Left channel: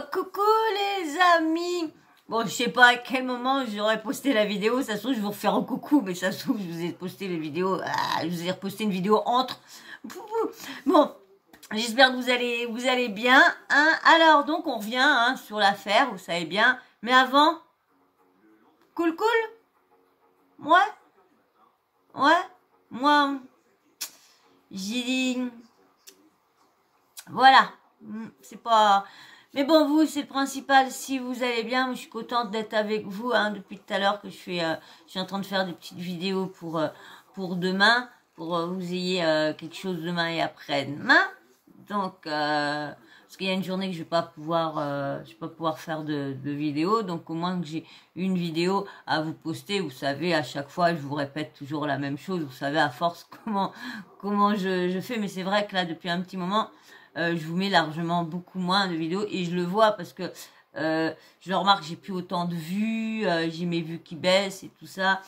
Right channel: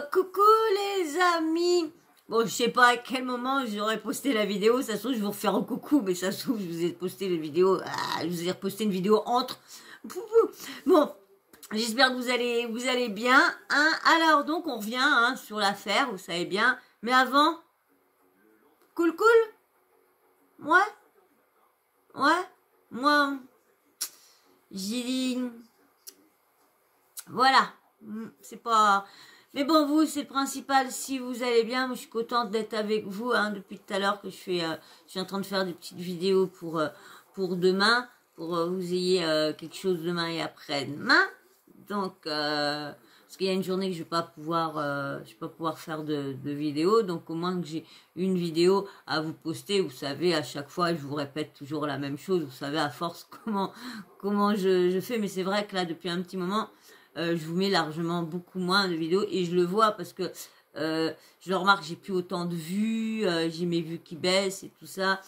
Coucou les amis. Bon, je sais pas à quel moment j'aurais posté la vidéo. Ça se trouve, je vais vous refaire un coucou, mais ça se trouve, je vous ai posté les vidéos. Je vous ai reposté une vidéo entre. Bon, j'espère que vous allez bien. Hein. Alors, donc, on revient sur l'affaire, vous savez bien. Mais avant, cool. Ouais. Moi, j'ai dit, voilà. C'est pas... Mais bon, vous, c'est le principal. Si vous allez bien, je suis contente d'être avec vous depuis tout à l'heure que je suis en train de faire des petites vidéos pour demain, pour vous ayez quelque chose demain et après-demain. Donc, parce qu'il y a une journée que je vais pas pouvoir faire de vidéo, donc au moins que j'ai une vidéo à vous poster. Vous savez, à chaque fois, je vous répète toujours la même chose. Vous savez à force comment je fais, mais c'est vrai que là, depuis un petit moment. Je vous mets largement beaucoup moins de vidéos et je le vois parce que je le remarque, j'ai plus autant de vues, j'ai mes vues qui baissent et tout ça.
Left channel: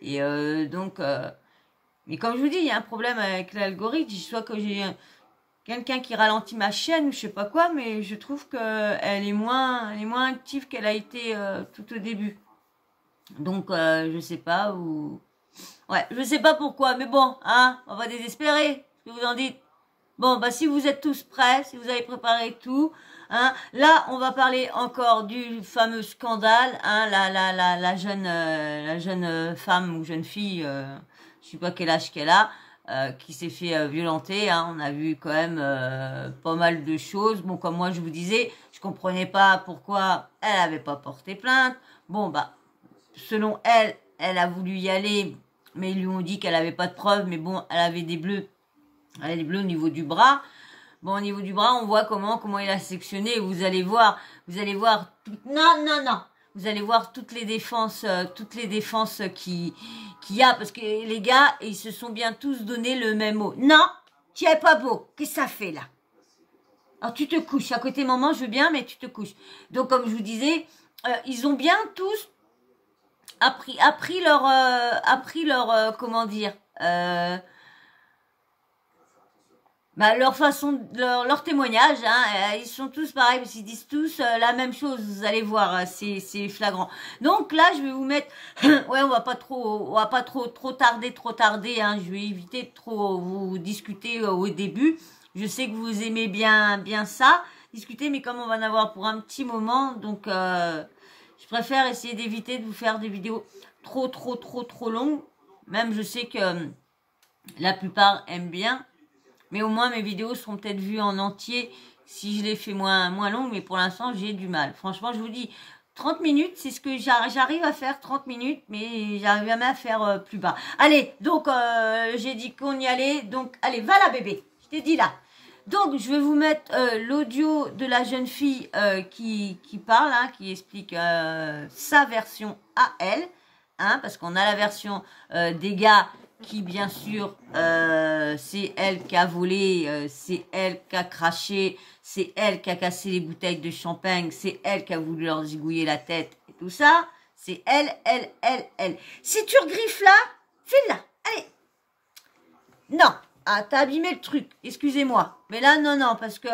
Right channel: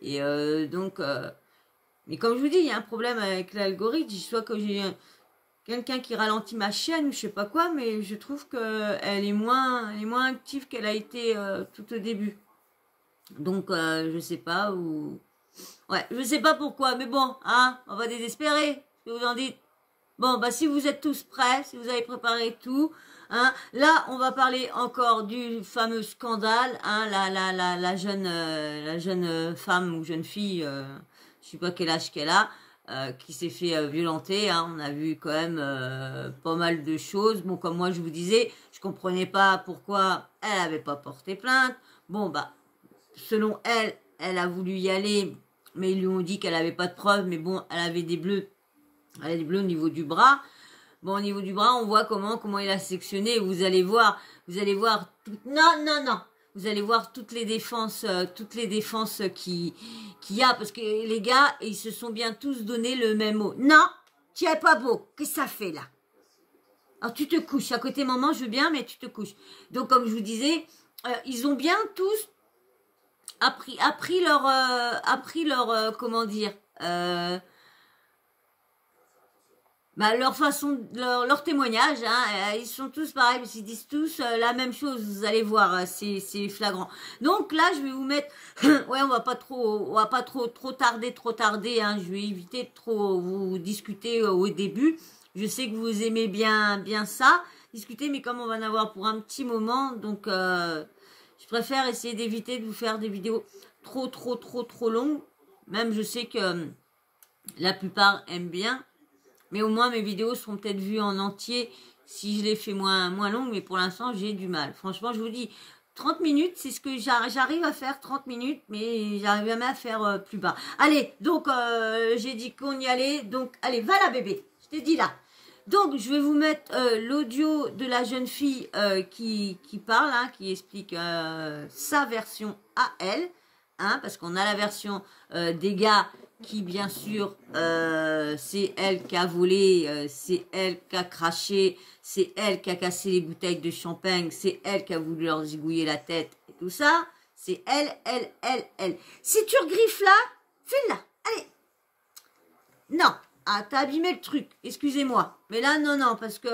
Et donc, mais comme je vous dis, il y a un problème avec l'algorithme, soit que j'ai quelqu'un qui ralentit ma chaîne ou je sais pas quoi, mais je trouve qu'elle est moins active qu'elle a été tout au début. Donc, je sais pas où... Ouais, je sais pas pourquoi, mais bon, on va désespérer, ce que vous en dites. Bon, bah si vous êtes tous prêts, si vous avez préparé tout, là on va parler encore du fameux scandale, la jeune femme ou jeune fille, je sais pas quel âge qu'elle a, qui s'est fait violenter. On a vu quand même pas mal de choses. Bon, comme moi je vous disais, je comprenais pas pourquoi elle avait pas porté plainte. Bon, bah selon elle, elle a voulu y aller, mais ils lui ont dit qu'elle avait pas de preuves. Mais bon, elle avait des bleus. Elle a des bleus au niveau du bras. Bon, au niveau du bras, on voit comment il a sectionné. Vous allez voir. Non. Vous allez voir toutes les défenses qu'il y a, parce que les gars, ils se sont bien tous donné le même mot. Non, tu es pas beau. Qu'est-ce que ça fait là? Alors tu te couches. À côté maman, je veux bien, mais tu te couches. Donc comme je vous disais, ils ont bien tous appris leur comment dire. Leur façon, leur témoignage, ils sont tous pareils, parce qu'ils disent tous la même chose. Vous allez voir, c'est flagrant. Donc là, je vais vous mettre, ouais, on va pas trop tarder. Je vais éviter de trop vous discuter au début. Je sais que vous aimez bien ça, discuter, mais comme on va en avoir pour un petit moment, donc je préfère essayer d'éviter de vous faire des vidéos trop longues. Même je sais que la plupart aiment bien. Mais au moins, mes vidéos seront peut-être vues en entier si je les fais moins longues. Mais pour l'instant, j'ai du mal. Franchement, je vous dis, 30 minutes, c'est ce que j'arrive à faire, 30 minutes. Mais j'arrive jamais à faire plus bas. Allez, donc, j'ai dit qu'on y allait. Donc, allez, va là, bébé. Je t'ai dit là. Donc, je vais vous mettre l'audio de la jeune fille qui parle, qui explique sa version à elle. Parce qu'on a la version des gars qui bien sûr c'est elle qui a volé, c'est elle qui a craché, c'est elle qui a cassé les bouteilles de champagne, c'est elle qui a voulu leur zigouiller la tête et tout ça, c'est elle. Si tu regriffes là, file là, allez. Non, t'as abîmé le truc, excusez-moi. Mais là, non, parce que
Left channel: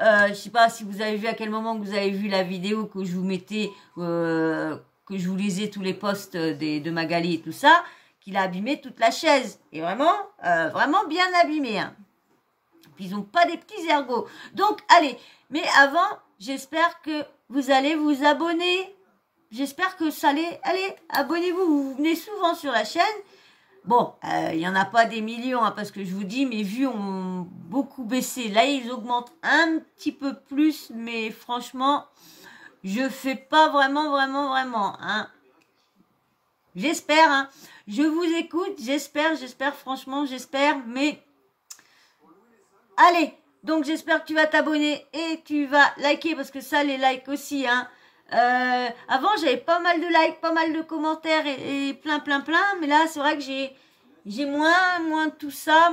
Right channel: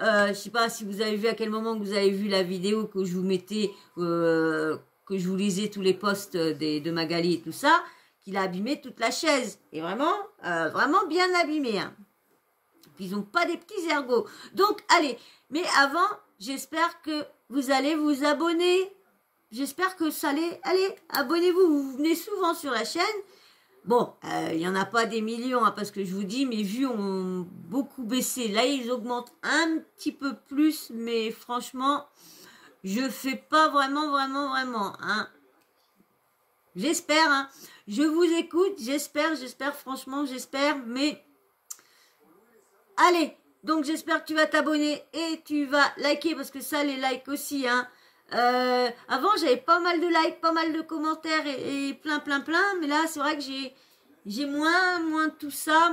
je sais pas si vous avez vu à quel moment que vous avez vu la vidéo que je vous mettais, que je vous lisais tous les posts de Magali et tout ça. Il a abîmé toute la chaise. Et vraiment bien abîmé. Puis ils n'ont pas des petits ergots. Donc, allez. Mais avant, j'espère que vous allez vous abonner. J'espère que ça allait. Allez, abonnez-vous. Vous venez souvent sur la chaîne. Bon, il n'y en a pas des millions, parce que je vous dis, mes vues ont beaucoup baissé. Là, ils augmentent un petit peu plus. Mais franchement, je fais pas vraiment. J'espère, je vous écoute, j'espère, franchement, j'espère, mais allez, donc j'espère que tu vas t'abonner et tu vas liker, parce que ça, les likes aussi, avant, j'avais pas mal de likes, pas mal de commentaires et plein, mais là, c'est vrai que j'ai moins de tout ça,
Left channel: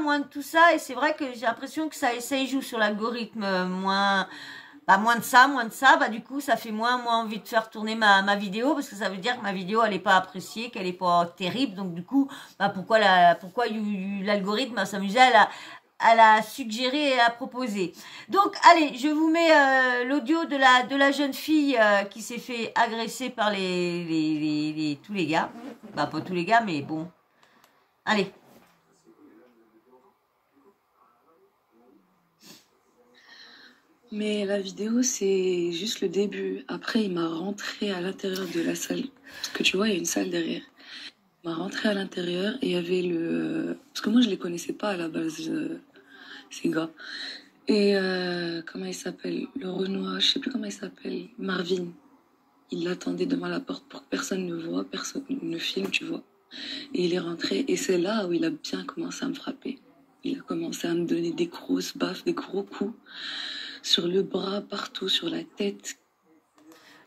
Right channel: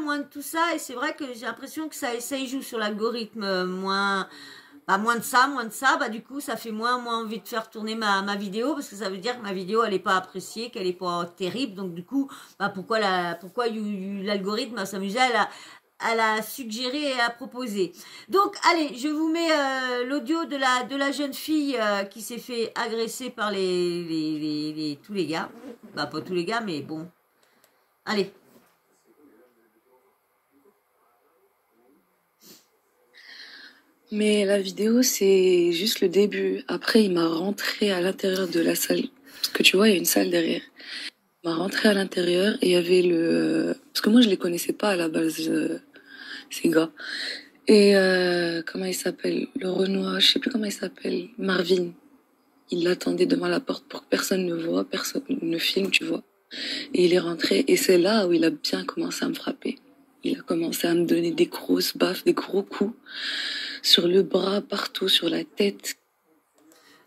et c'est vrai que j'ai l'impression que ça y joue sur l'algorithme, moins de ça, du coup, ça fait moins envie de faire tourner ma vidéo, parce que ça veut dire que ma vidéo, elle n'est pas appréciée, qu'elle n'est pas terrible. Donc, du coup, pourquoi l'algorithme va s'amuser elle a suggéré et a proposé. Donc, allez, je vous mets l'audio de la jeune fille qui s'est fait agresser par tous les gars. Bah, pas tous les gars, mais bon. Allez. Mais la vidéo, c'est juste le début. Après, il m'a rentré à l'intérieur de la salle. Parce que tu vois, il y a une salle derrière. Il m'a rentré à l'intérieur et il y avait le... Parce que moi, je les connaissais pas à la base, ces gars. Et comment il s'appelle? Le Renoir, je sais plus comment il s'appelle. Marvin. Il l'attendait devant la porte pour que personne ne voit, personne ne filme, tu vois. Et il est rentré et c'est là où il a bien commencé à me frapper. Il a commencé à me donner des grosses baffes, des gros coups sur le bras, partout, sur la tête.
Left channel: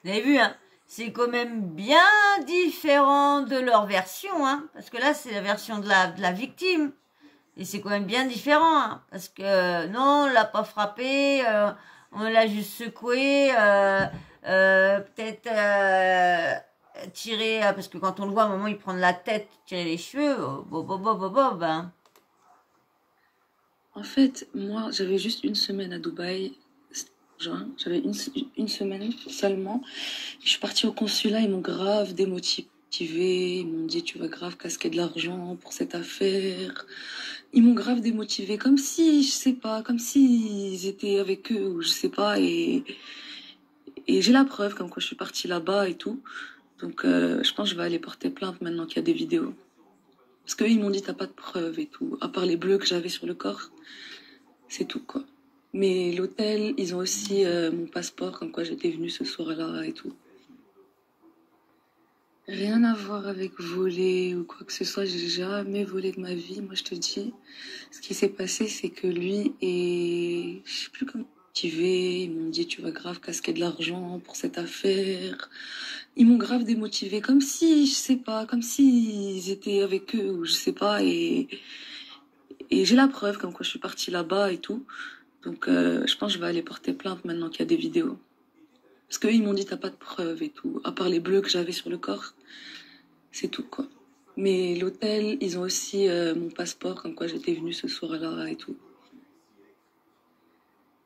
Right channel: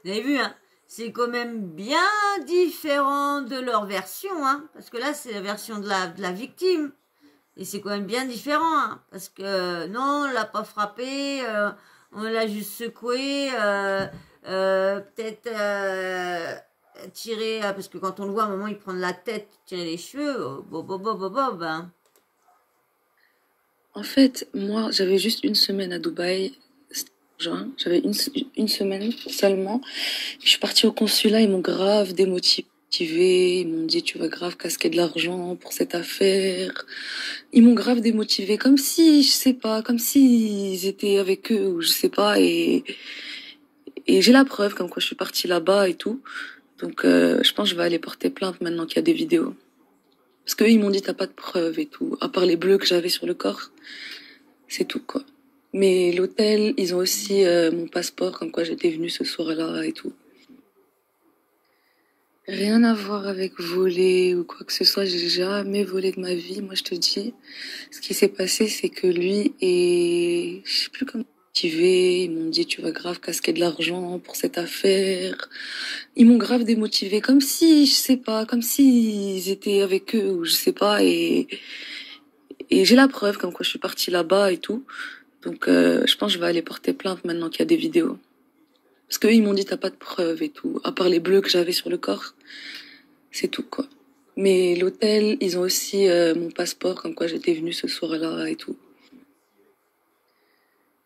Vous avez vu, hein, c'est quand même bien différent de leur version, hein, parce que là, c'est la version de la victime. Et c'est quand même bien différent, hein, parce que non, on l'a pas frappé, on l'a juste secoué, peut-être tiré, parce que quand on le voit, à un moment, il prend de la tête, tirer les cheveux, bob, hein. En fait, moi, j'avais juste une semaine à Dubaï. J'avais une semaine seulement. Je suis partie au consulat, ils m'ont grave démotivée. Ils m'ont dit, tu vas grave casquer de l'argent pour cette affaire. Ils m'ont grave démotivée, comme si, je sais pas, comme s'ils étaient avec eux, ou je sais pas. Et j'ai la preuve, comme quoi je suis partie là-bas et tout. Donc, je pense que je vais aller porter plainte maintenant qu'il y a des vidéos. Parce qu'eux, ils m'ont dit, t'as pas de preuves et tout. À part les bleus que j'avais sur le corps, c'est tout, quoi. Mais l'hôtel, ils ont aussi mon passeport, comme quoi j'étais venue ce soir-là et tout. Rien à voir avec voler ou quoi que ce soit, j'ai jamais volé de ma vie. Moi, je te dis, ce qui s'est passé, c'est que lui et je sais plus comment motivé. Ils m'ont dit, tu vas grave casquer de l'argent pour cette affaire. Ils m'ont grave démotivée, comme si, je sais pas, comme s'ils étaient avec eux ou je sais pas. Et j'ai la preuve, comme quoi je suis partie là-bas et tout. Donc, je pense que je vais aller porter plainte maintenant qu'il y a des vidéos. Parce qu'eux, ils m'ont dit, t'as pas de preuves et tout. À part les bleus que j'avais sur le corps, c'est tout, quoi. Mais l'hôtel, ils ont aussi mon passeport, comme quoi j'étais venue ce soir-là et tout.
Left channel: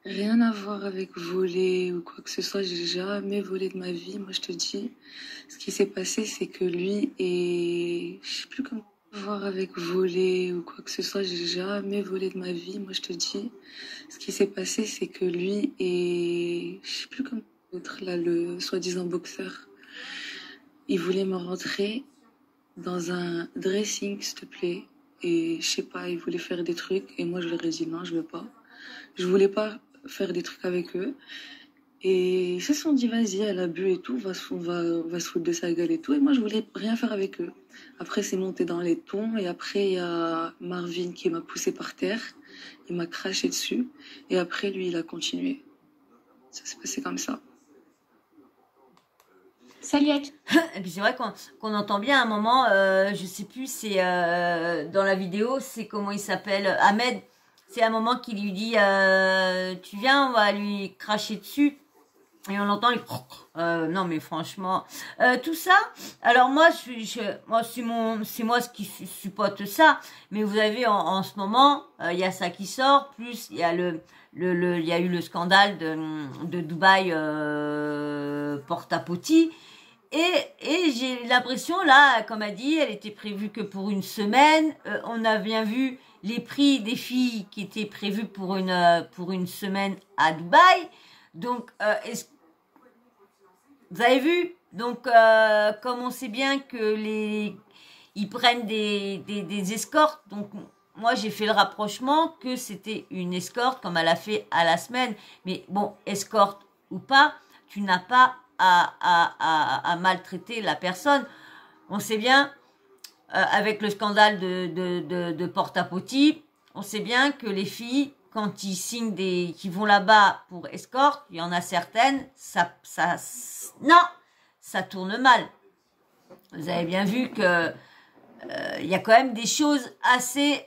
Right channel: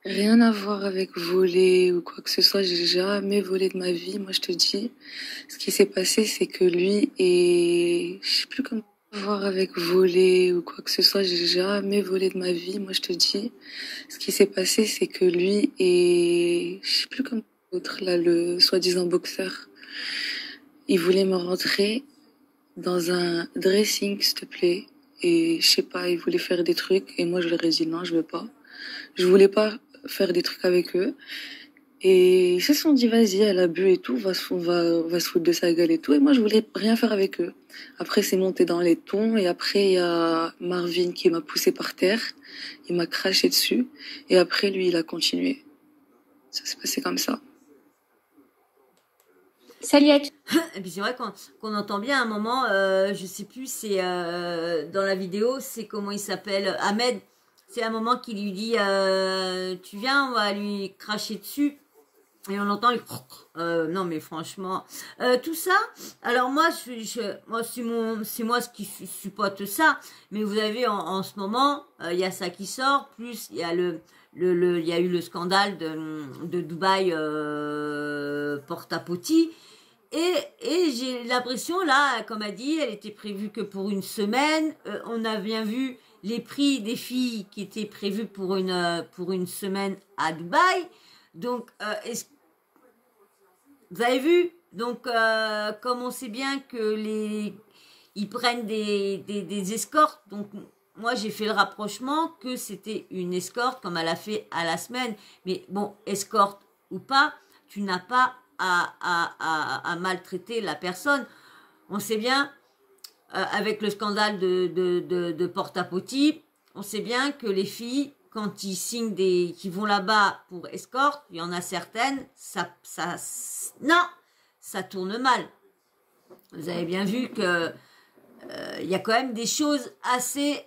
Rien à voir avec voler ou quoi que ce soit, j'ai jamais volé de ma vie. Moi, je te dis, ce qui s'est passé, c'est que lui et je sais plus comment voir avec voler ou quoi que ce soit, j'ai jamais volé de ma vie. Moi, je te dis, ce qui s'est passé, c'est que lui et je sais plus comment l'autre là, le soi-disant boxeur, il voulait me rentrer dans un dressing, s'il te plaît. Et je sais pas, il voulait faire des trucs et moi, je leur ai dit non, je veux pas. Je voulais pas faire des trucs avec eux. Et ils se sont dit, vas-y, elle a bu et tout, on va se foutre de sa gueule et tout. Et moi, je voulais rien faire avec eux. Après, c'est monté dans les tons. Et après, il y a Marvin qui m'a poussé par terre. Il m'a craché dessus. Et après, lui, il a continué. Ça s'est passé comme ça. Salut à tous. Et puis c'est vrai qu'on entend bien à un moment, je sais plus, c'est dans la vidéo, c'est comment il s'appelle, Ahmed. C'est un moment qui lui dit, tu viens, on va lui cracher dessus. Et on entend les... non mais franchement, tout ça. Alors moi, moi c'est moi ce qui supporte ça. Mais vous avez en ce moment, il y a ça qui sort. Plus il y a il y a eu le scandale de Dubaï Porta-Potty. Et j'ai l'impression là, comme a dit, elle était prévue que pour une semaine. On a bien vu les prix des filles qui étaient prévus pour une semaine à Dubaï. Donc, vous avez vu? Donc, comme on sait bien que ils prennent des escortes, donc moi j'ai fait le rapprochement que c'était une escorte comme elle a fait à la semaine. Mais bon, escorte ou pas, tu n'as pas à maltraiter la personne. On sait bien, avec le scandale de Porta-Potty, on sait bien que les filles, quand ils signent qui vont là-bas pour escorte, il y en a certaines, non, ça tourne mal. Vous avez bien vu que il y a quand même des choses assez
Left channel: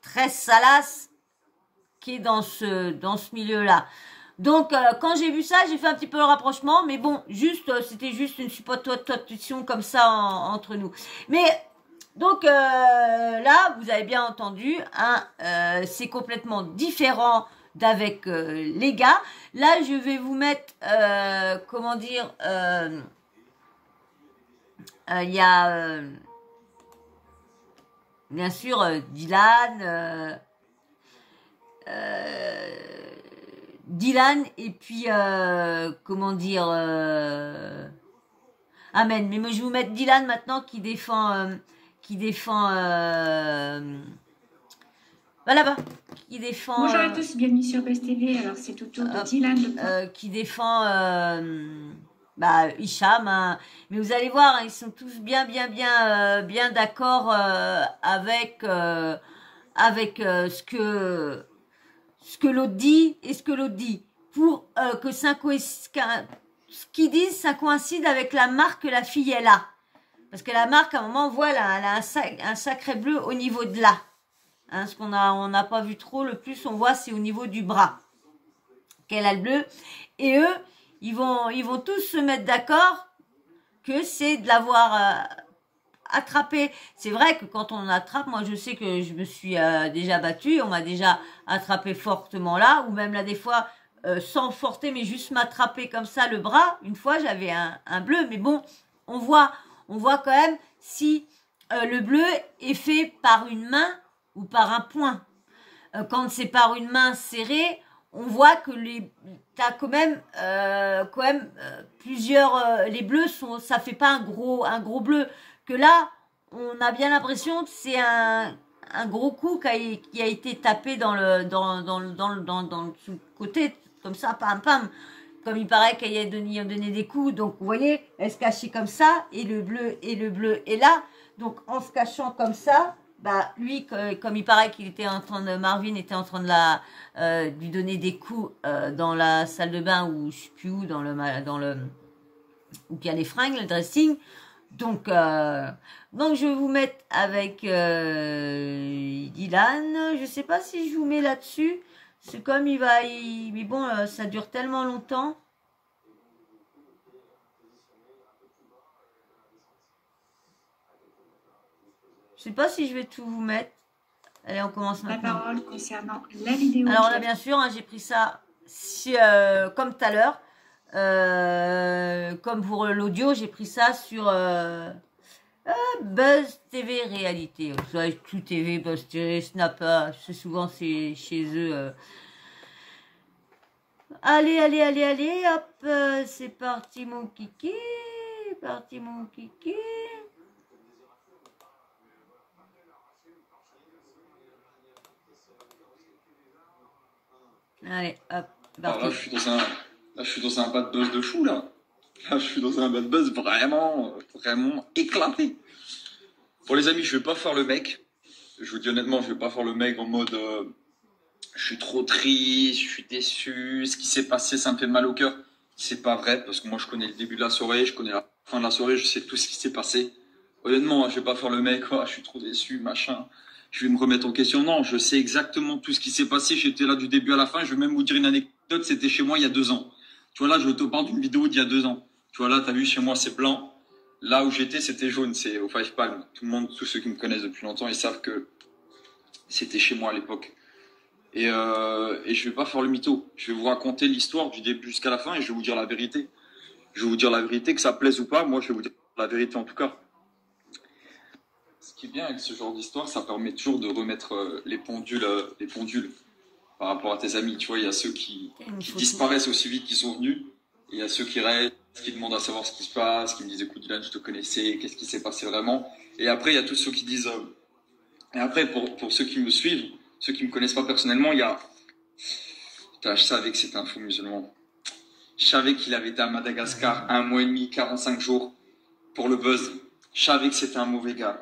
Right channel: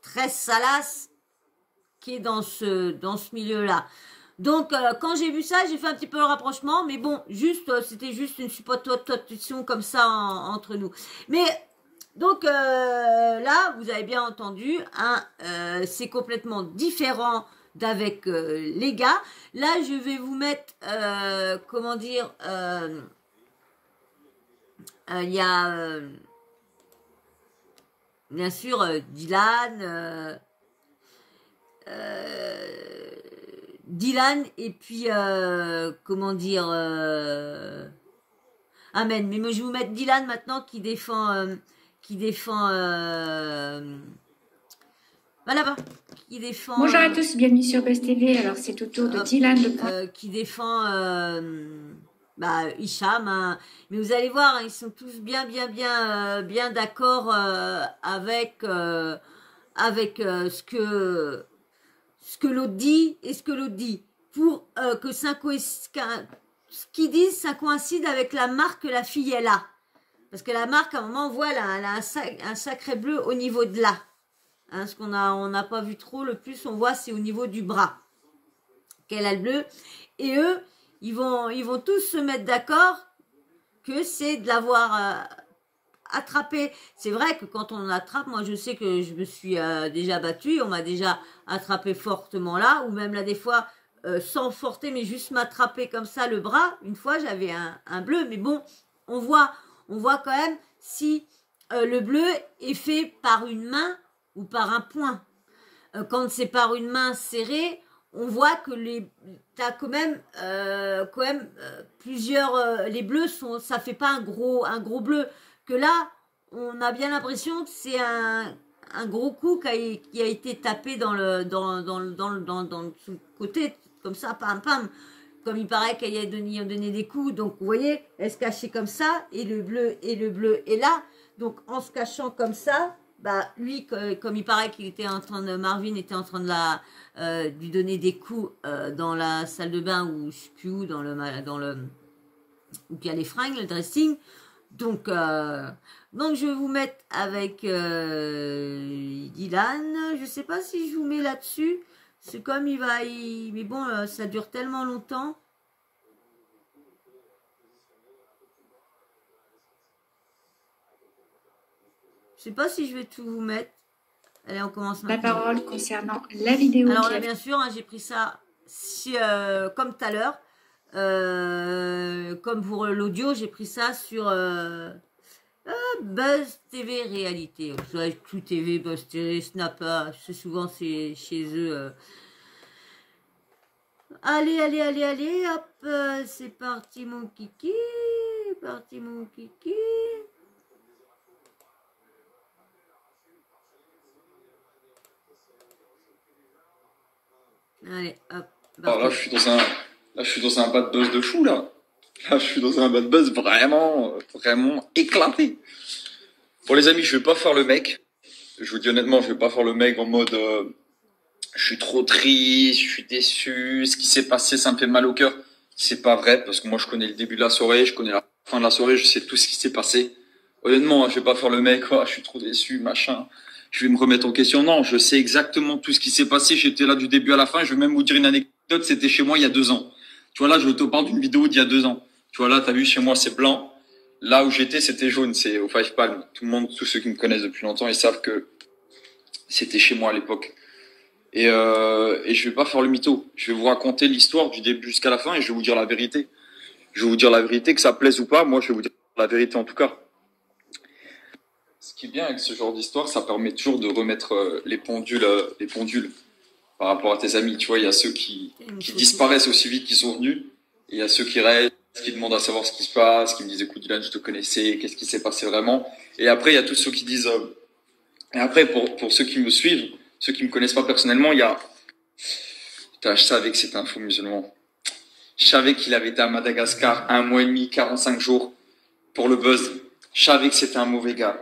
très salaces qui est dans ce milieu-là. Donc, quand j'ai vu ça, j'ai fait un petit peu le rapprochement, mais bon, c'était juste une supposition comme ça entre nous. Mais Donc là, vous avez bien entendu, hein, c'est complètement différent d'avec les gars. Là, je vais vous mettre, comment dire, il y a bien sûr Dylan, Dylan et puis comment dire, Amen. Mais moi, je vais vous mettre Dylan maintenant qui défend, là-bas, qui défend. Bonjour à tous, bienvenue sur Buzz TV. Alors c'est au tour de Dylan qui défend Hicham, hein. Mais vous allez voir, hein, ils sont tous bien d'accord avec ce que l'autre dit et ce que l'autre dit pour que ce qu'ils disent, ça coïncide avec la marque que la fille elle a. Parce que la marque, à un moment, on voit, elle a un sacré bleu au niveau de là. Hein, ce qu'on n'a pas vu trop, le plus on voit, c'est au niveau du bras qu'elle a le bleu. Et eux, ils vont tous se mettre d'accord que c'est de l'avoir attrapé. C'est vrai que quand on attrape, moi je sais que je me suis déjà battue, on m'a déjà attrapé fortement là, ou même là des fois, sans forter, mais juste m'attraper comme ça le bras. Une fois, j'avais un bleu, mais bon, on voit quand même si le bleu est fait par une main ou par un poing. Quand c'est par une main serrée, on voit que t'as quand même plusieurs. Les bleus ça fait pas un gros bleu. Que là, on a bien l'impression que c'est un gros coup qui a été tapé dans le côté comme ça, pam pam. Comme il paraît qu'il a donné des coups, donc vous voyez, elle se cachait comme ça et le bleu est là. Donc en se cachant comme ça. Bah lui, comme il paraît qu'il était Marvin était en train de lui donner des coups dans la salle de bain ou je sais plus où, dans le où il y a les fringues, le dressing. Donc je vais vous mettre avec Dylan. Je sais pas si je vous mets là-dessus. C'est comme mais bon, ça dure tellement longtemps. Je sais pas si je vais tout vous mettre. Allez, on commence maintenant. La parole concernant la vidéo. Alors là, bien sûr, hein, j'ai pris ça comme tout à l'heure. Comme pour l'audio, j'ai pris ça sur Buzz TV Réalité. Tout TV, Buzz TV, Snap, c'est souvent chez eux. Allez, hop, c'est parti mon kiki. Allez, hop. Alors là, je suis dans un bad buzz de fou, là. Là, je suis dans un bad buzz vraiment éclaté. Bon, les amis, je vais pas faire le mec. Je vous dis honnêtement, je vais pas faire le mec en mode je suis trop triste, je suis déçu, ce qui s'est passé, ça me fait mal au cœur. C'est pas vrai, parce que moi, je connais le début de la soirée, je connais la fin de la soirée, je sais tout ce qui s'est passé. Honnêtement, je vais pas faire le mec, je suis trop déçu, machin. Je vais me remettre en question. Non, je sais exactement tout ce qui s'est passé. J'étais là du début à la fin. Je vais même vous dire une anecdote. C'était chez moi il y a 2 ans. Tu vois, là, je te parle d'une vidéo d'il y a 2 ans. Tu vois, là, t'as vu, chez moi, c'est blanc. Là où j'étais, c'était jaune. C'est au Five Palm. Tout le monde, tous ceux qui me connaissent depuis longtemps, ils savent que c'était chez moi à l'époque. Et je vais pas faire le mytho. Je vais vous raconter l'histoire du début jusqu'à la fin et je vais vous dire la vérité. Je vais vous dire la vérité, que ça plaise ou pas. Moi, je vais vous dire la vérité en tout cas. Ce qui est bien avec ce genre d'histoire, ça permet toujours de remettre les pendules par rapport à tes amis. Tu vois, il y a ceux qui disparaissent aussi vite qu'ils sont venus. Et il y a ceux qui restent, qui demandent à savoir ce qui se passe, qui me disent écoute Dylan, je te connaissais, qu'est-ce qui s'est passé vraiment. Et après, il y a tous ceux qui disent... Et après, pour ceux qui me suivent, ceux qui me connaissent pas personnellement, il y a... Putain, je savais que c'était un faux musulman. Je savais qu'il avait été à Madagascar 1 mois et demi, 45 jours pour le buzz. Je savais que c'était un mauvais gars.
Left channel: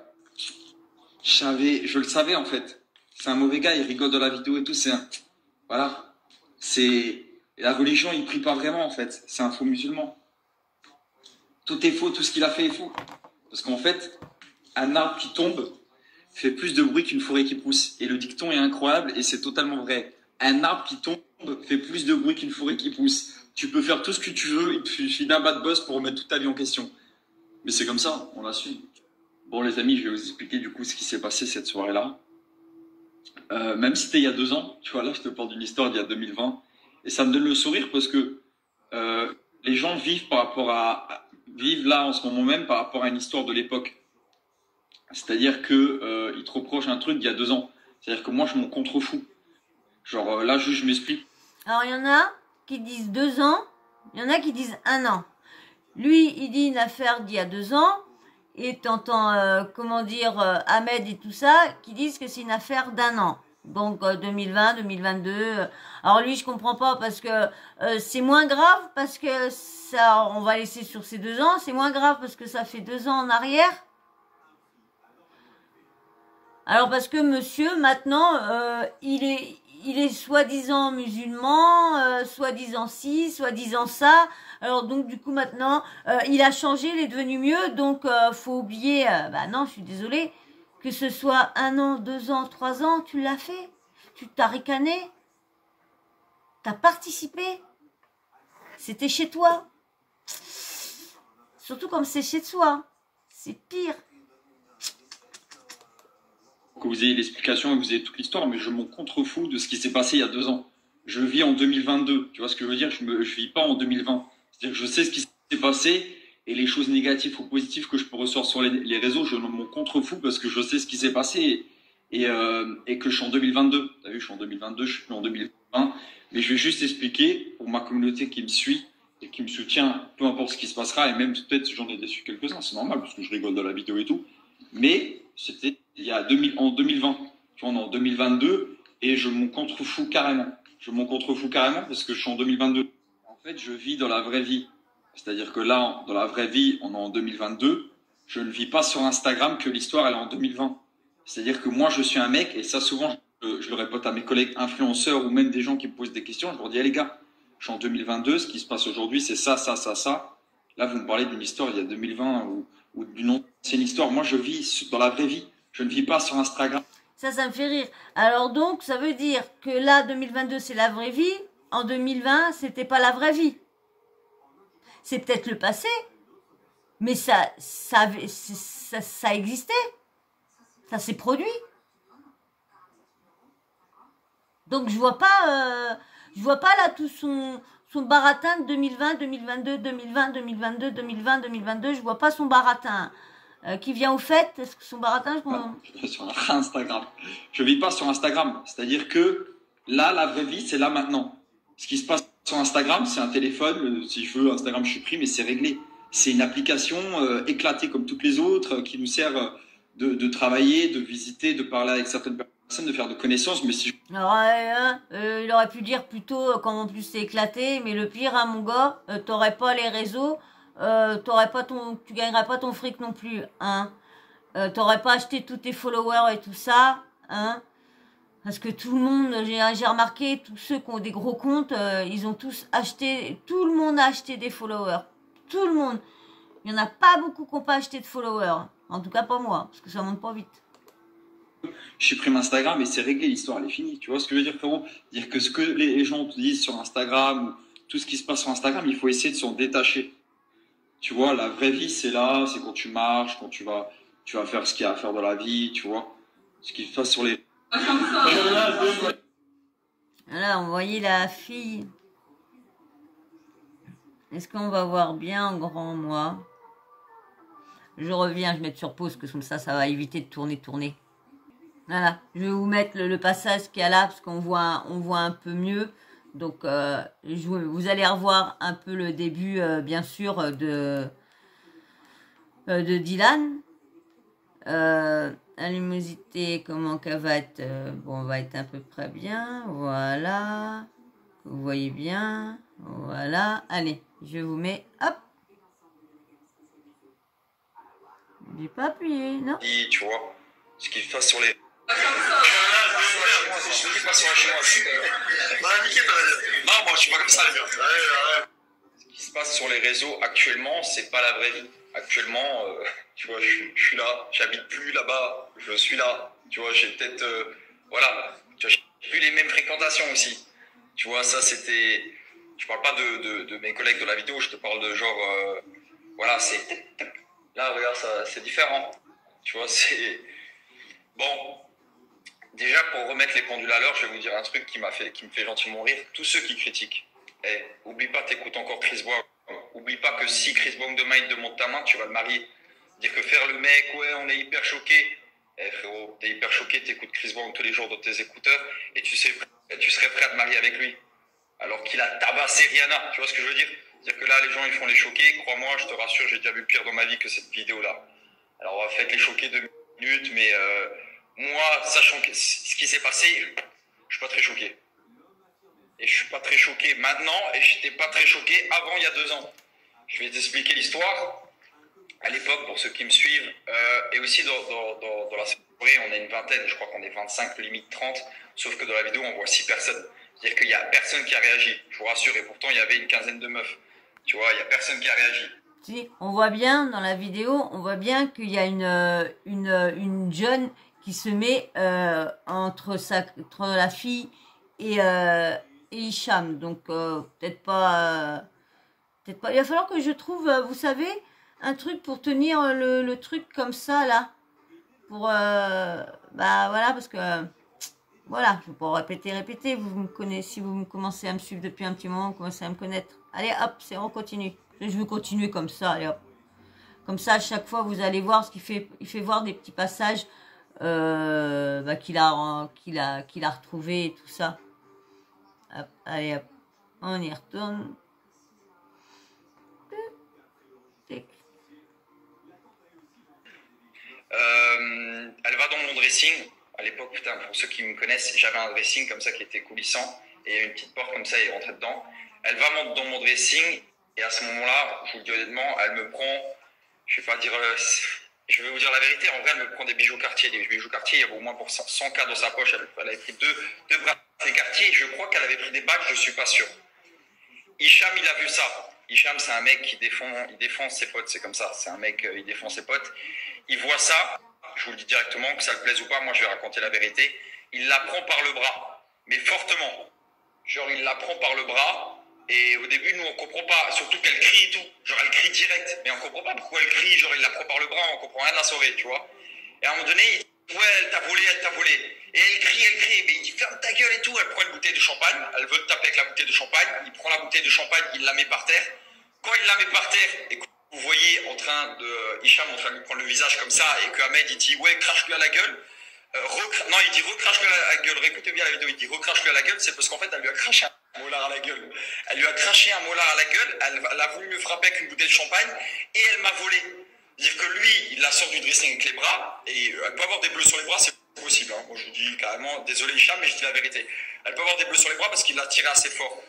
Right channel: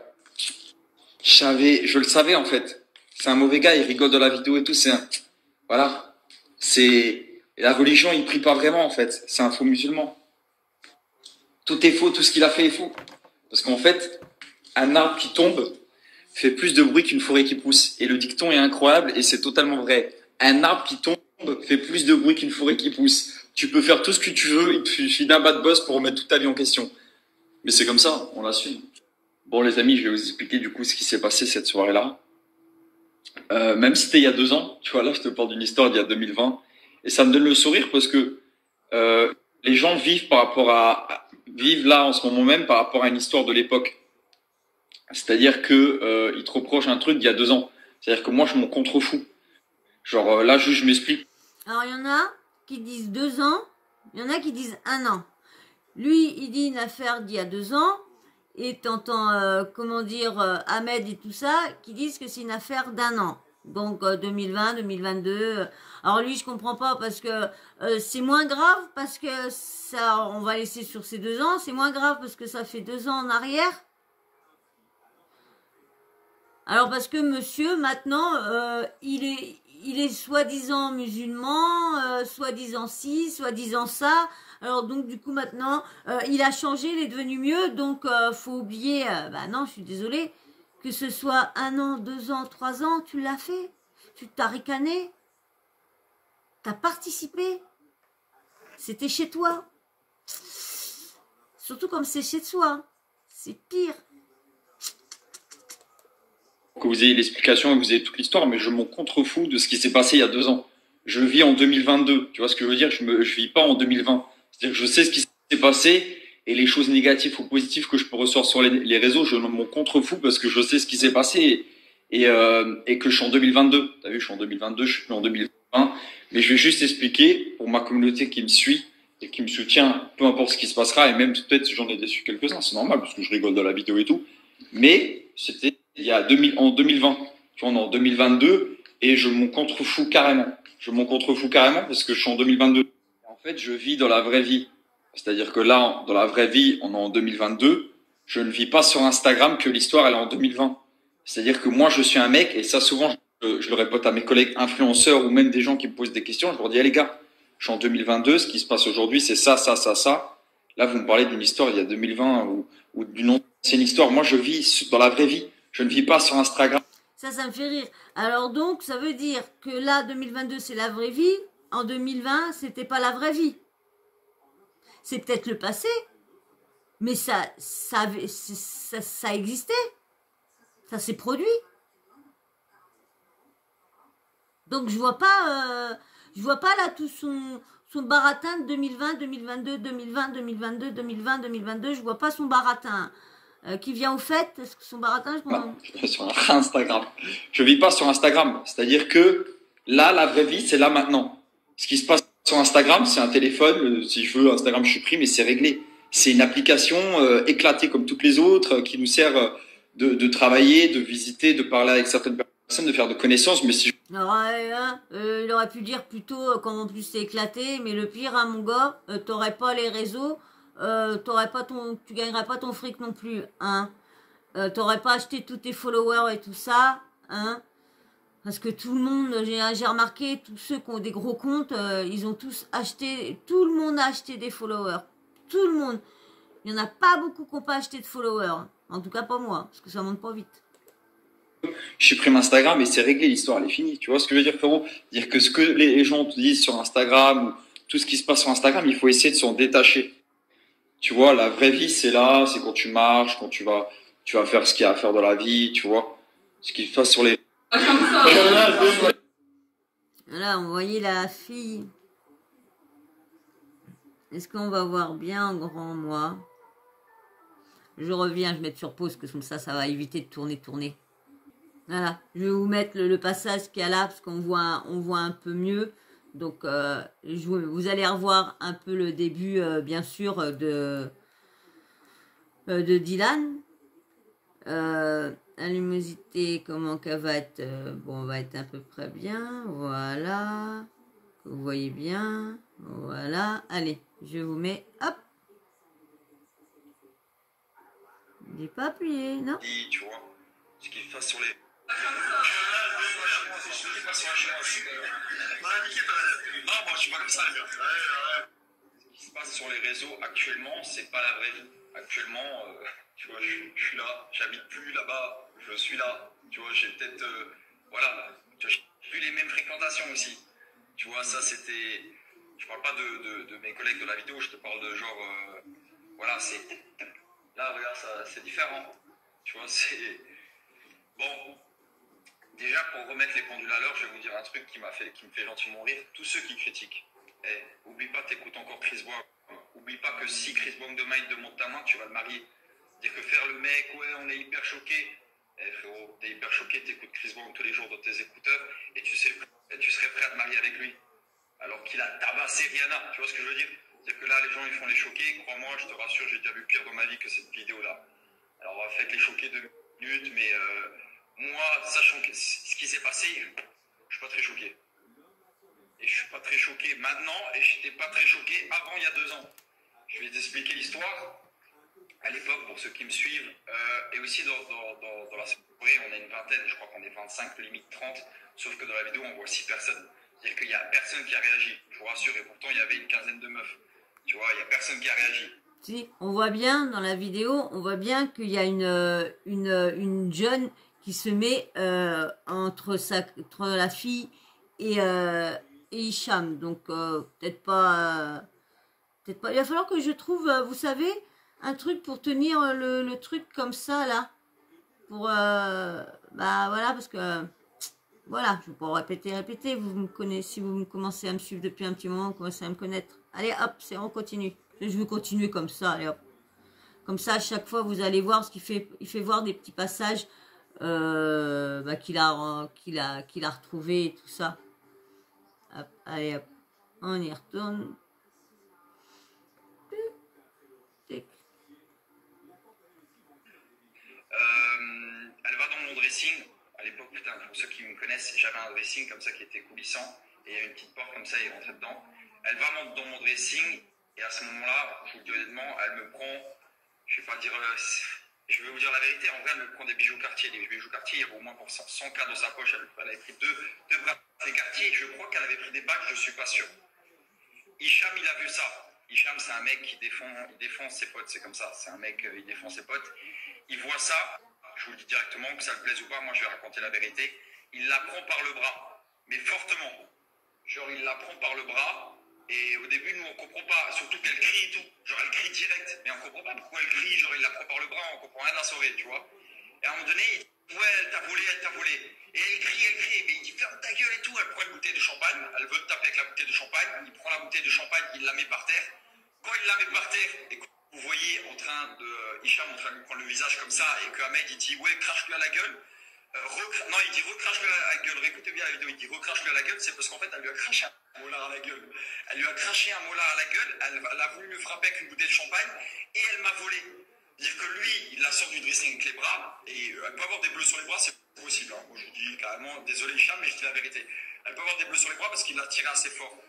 Je le savais en fait. C'est un mauvais gars, il rigole de la vidéo et tout. Voilà. Et la religion, il prie pas vraiment en fait. C'est un faux musulman. Tout est faux, tout ce qu'il a fait est faux. Parce qu'en fait, un arbre qui tombe fait plus de bruit qu'une forêt qui pousse. Et le dicton est incroyable et c'est totalement vrai. Un arbre qui tombe fait plus de bruit qu'une forêt qui pousse. Tu peux faire tout ce que tu veux, il te suffit d'un bad buzz pour remettre toute ta vie en question. Mais c'est comme ça, on l'assume. Bon, les amis, je vais vous expliquer du coup ce qui s'est passé cette soirée-là. Même si c'était il y a 2 ans, tu vois, là, je te parle d'une histoire d'il y a 2020. Et ça me donne le sourire parce que les gens vivent vivent là en ce moment même par rapport à une histoire de l'époque. C'est-à-dire que ils te reprochent un truc d'il y a 2 ans. C'est-à-dire que moi, je m'en contrefous. Genre là, juste, je m'explique. Alors, il y en a qui disent 2 ans, il y en a qui disent 1 an. Lui, il dit une affaire d'il y a 2 ans, et t'entends, comment dire, Ahmed et tout ça, qui disent que c'est une affaire d'1 an. Donc 2020, 2022. Alors lui, je comprends pas parce que c'est moins grave parce que ça, on va laisser sur ces 2 ans. C'est moins grave parce que ça fait 2 ans en arrière. Alors parce que monsieur, maintenant, il est soi-disant musulman, soi-disant ci, soi-disant ça. Alors donc du coup maintenant, il a changé, il est devenu mieux. Donc faut oublier, bah non, je suis désolée, que ce soit 1 an, 2 ans, 3 ans, tu l'as fait. Tu t'as ricané. T'as participé. C'était chez toi. Surtout comme c'est chez toi. C'est pire. Que vous ayez l'explication et que vous ayez toute l'histoire, mais je m'en contrefous de ce qui s'est passé il y a 2 ans. Je vis en 2022, tu vois ce que je veux dire, je vis pas en 2020. C'est-à-dire que je sais ce qui s'est passé et les choses négatives ou positives que je peux ressortir sur les réseaux, je m'en contrefous parce que je sais ce qui s'est passé et que je suis en 2022. T'as vu, je suis en 2022, je suis plus en 2020. Mais je vais juste expliquer pour ma communauté qui me suit et qui me soutient, peu importe ce qui se passera, et même peut-être j'en ai déçu quelques-uns, c'est normal parce que je rigole dans la vidéo et tout. Mais c'était il y a en 2020, tu vois, on est en 2022 et je m'en contrefous carrément. Je m'en contrefous carrément parce que je suis en 2022. En fait, je vis dans la vraie vie. C'est-à-dire que là, dans la vraie vie, on est en 2022. Je ne vis pas sur Instagram que l'histoire, elle est en 2020. C'est-à-dire que moi, je suis un mec, et ça, souvent, je le répète à mes collègues influenceurs ou même des gens qui me posent des questions, je leur dis, les gars, je suis en 2022, ce qui se passe aujourd'hui, c'est ça, ça, ça, ça. Là, vous me parlez d'une histoire il y a 2020 ou d'une ancienne histoire. Moi, je vis dans la vraie vie. Je ne vis pas sur Instagram. Ça me fait rire. Alors donc, ça veut dire que là, 2022, c'est la vraie vie. En 2020, c'était pas la vraie vie. C'est peut-être le passé, mais ça existait. Ça s'est produit. Donc je vois pas là tout son baratin de 2020, 2022, 2020, 2022, 2020, 2022. Je vois pas son baratin. Qui vient au fait, est-ce que son baratin, sur Instagram. Je vis pas sur Instagram. C'est-à-dire que là, la vraie vie, c'est là maintenant. Ce qui se passe sur Instagram, c'est un téléphone. Si je veux, Instagram, je supprime et c'est réglé. C'est une application éclatée comme toutes les autres qui nous sert de travailler, de visiter, de parler avec certaines personnes, de faire de connaissances. Mais si il aurait pu dire plutôt comme en plus c'est éclaté, mais le pire, hein, mon gars, t'aurais pas les réseaux. Tu gagnerais pas ton fric non plus, hein. T'aurais pas acheté tous tes followers et tout ça, hein. Parce que tout le monde, j'ai remarqué, tous ceux qui ont des gros comptes, ils ont tous acheté, tout le monde a acheté des followers. Tout le monde. Il y en a pas beaucoup qui n'ont pas acheté de followers. En tout cas pas moi, parce que ça monte pas vite. Je supprime Instagram et c'est réglé, l'histoire elle est finie. Tu vois ce que je veux dire, frérot? Dire que ce que les gens te disent sur Instagram, ou tout ce qui se passe sur Instagram, il faut essayer de s'en détacher. Tu vois, la vraie vie, c'est là, c'est quand tu marches, quand tu vas faire ce qu'il y a à faire dans la vie, tu vois. Ce qu'il fasse sur les... Là, on voyait la fille. Est-ce qu'on va voir bien en grand, moi? Je reviens, je vais mettre sur pause, que comme ça va éviter de tourner. Voilà, je vais vous mettre le passage qu'il y a là, parce qu'on voit un peu mieux. Donc, vous allez revoir un peu le début, bien sûr, de Dylan. La luminosité, comment qu'elle va être, bon, on va être à peu près bien, voilà, vous voyez bien, voilà, allez, je vous mets, hop, j'ai pas appuyé, non. Tu vois, ce qu'il fasse sur les... Ce qui se passe sur les réseaux actuellement, c'est pas la vraie vie. Actuellement, tu vois, je suis là, j'habite plus là-bas, je suis là. Tu vois, j'ai peut-être, voilà, tu vois, j'ai plus les mêmes fréquentations aussi. Tu vois, ça c'était, je parle pas de mes collègues de la vidéo, je te parle de genre, voilà, c'est, là regarde, ça, c'est différent. Tu vois, c'est... Bon, déjà, pour remettre les pendules à l'heure, je vais vous dire un truc qui me fait gentiment rire. Tous ceux qui critiquent, oublie pas, t'écoutes encore Chris Brown. Oublie pas que si Chris Brown demain il te demande ta main, tu vas le marier. Dire que faire le mec, ouais, on est hyper choqué. Frérot, t'es hyper choqué, t'écoutes Chris Brown tous les jours dans tes écouteurs et tu serais prêt à te marier avec lui. Alors qu'il a tabassé Rihanna, tu vois ce que je veux dire? C'est-à-dire que là, les gens, ils font les choqués. Crois-moi, je te rassure, j'ai déjà vu pire dans ma vie que cette vidéo-là. Alors, on va faire les choqués 2 minutes, mais moi, sachant ce qui s'est passé, je suis pas très choqué. Et je suis pas très choqué maintenant, et j'étais pas très choqué avant, il y a 2 ans. Je vais t'expliquer l'histoire. À l'époque, pour ceux qui me suivent, et aussi dans la soirée, on est une vingtaine, je crois qu'on est 25, limite 30, sauf que dans la vidéo, on voit 6 personnes. C'est-à-dire qu'il n'y a personne qui a réagi, je vous rassure, et pourtant, il y avait une quinzaine de meufs. Tu vois, il n'y a personne qui a réagi. Si, on voit bien dans la vidéo, on voit bien qu'il y a une jeune qui se met entre la fille et Hicham. Donc, peut-être pas... Il va falloir que je trouve, vous savez, un truc pour tenir le truc comme ça, là. Pour, bah voilà, parce que, voilà, je vais pas répéter. Vous me connaissez, si vous commencez à me suivre depuis un petit moment, vous commencez à me connaître. Allez, hop, on continue. Je vais continuer comme ça, allez hop. Comme ça, à chaque fois, vous allez voir ce qu'il fait. Il fait voir des petits passages bah, qu'il a retrouvé et tout ça. Hop, allez, hop, on y retourne. Elle va dans mon dressing. À l'époque, putain, pour ceux qui me connaissent, j'avais un dressing comme ça qui était coulissant et il y a une petite porte comme ça et elle rentrait dedans. Elle va dans mon dressing et à ce moment-là, je vous le dis honnêtement, elle me prend, je vais pas dire, je vais vous dire la vérité, en vrai, elle me prend des bijoux Cartier. Des bijoux Cartier, il y avait au moins pour 100K dans sa poche. Elle avait pris deux bracelets Cartier. Je crois qu'elle avait pris des bagues, je suis pas sûr. Hicham, il a vu ça. Hicham, c'est un mec qui défend ses potes, c'est comme ça. C'est un mec, il défend ses potes. Il voit ça, je vous le dis directement, que ça le plaise ou pas, moi je vais raconter la vérité. Il la prend par le bras, mais fortement. Genre, il la prend par le bras, et au début, nous, on comprend pas, surtout qu'elle crie et tout. Genre, elle crie direct, mais on comprend pas pourquoi elle crie. Genre, il la prend par le bras, on comprend rien de la soirée, tu vois. Et à un moment donné, il dit, ouais, elle t'a volé. Et elle crie, mais il dit, ferme ta gueule et tout. Elle prend une bouteille de champagne, elle veut te taper avec la bouteille de champagne. Il prend la bouteille de champagne, il la met par terre. Quand il la met par terre, écoute, vous voyez Hicham en train de lui prendre le visage comme ça, et que Ahmed il dit ouais, crache-lui à la gueule. Non, il dit recrache-lui à la gueule. Réécoutez bien la vidéo, il dit recrache-lui à la gueule, c'est parce qu'en fait elle lui a craché un molar à la gueule. Elle lui a craché un molar à la gueule, elle a voulu me frapper avec une bouteille de champagne, et elle m'a volé. Dire que lui, il la sort du dressing avec les bras, et elle peut avoir des bleus sur les bras, c'est possible. Hein. Moi je vous dis carrément, désolé Hicham, mais je dis la vérité. Elle peut avoir des bleus sur les bras parce qu'il l'a tiré assez fort.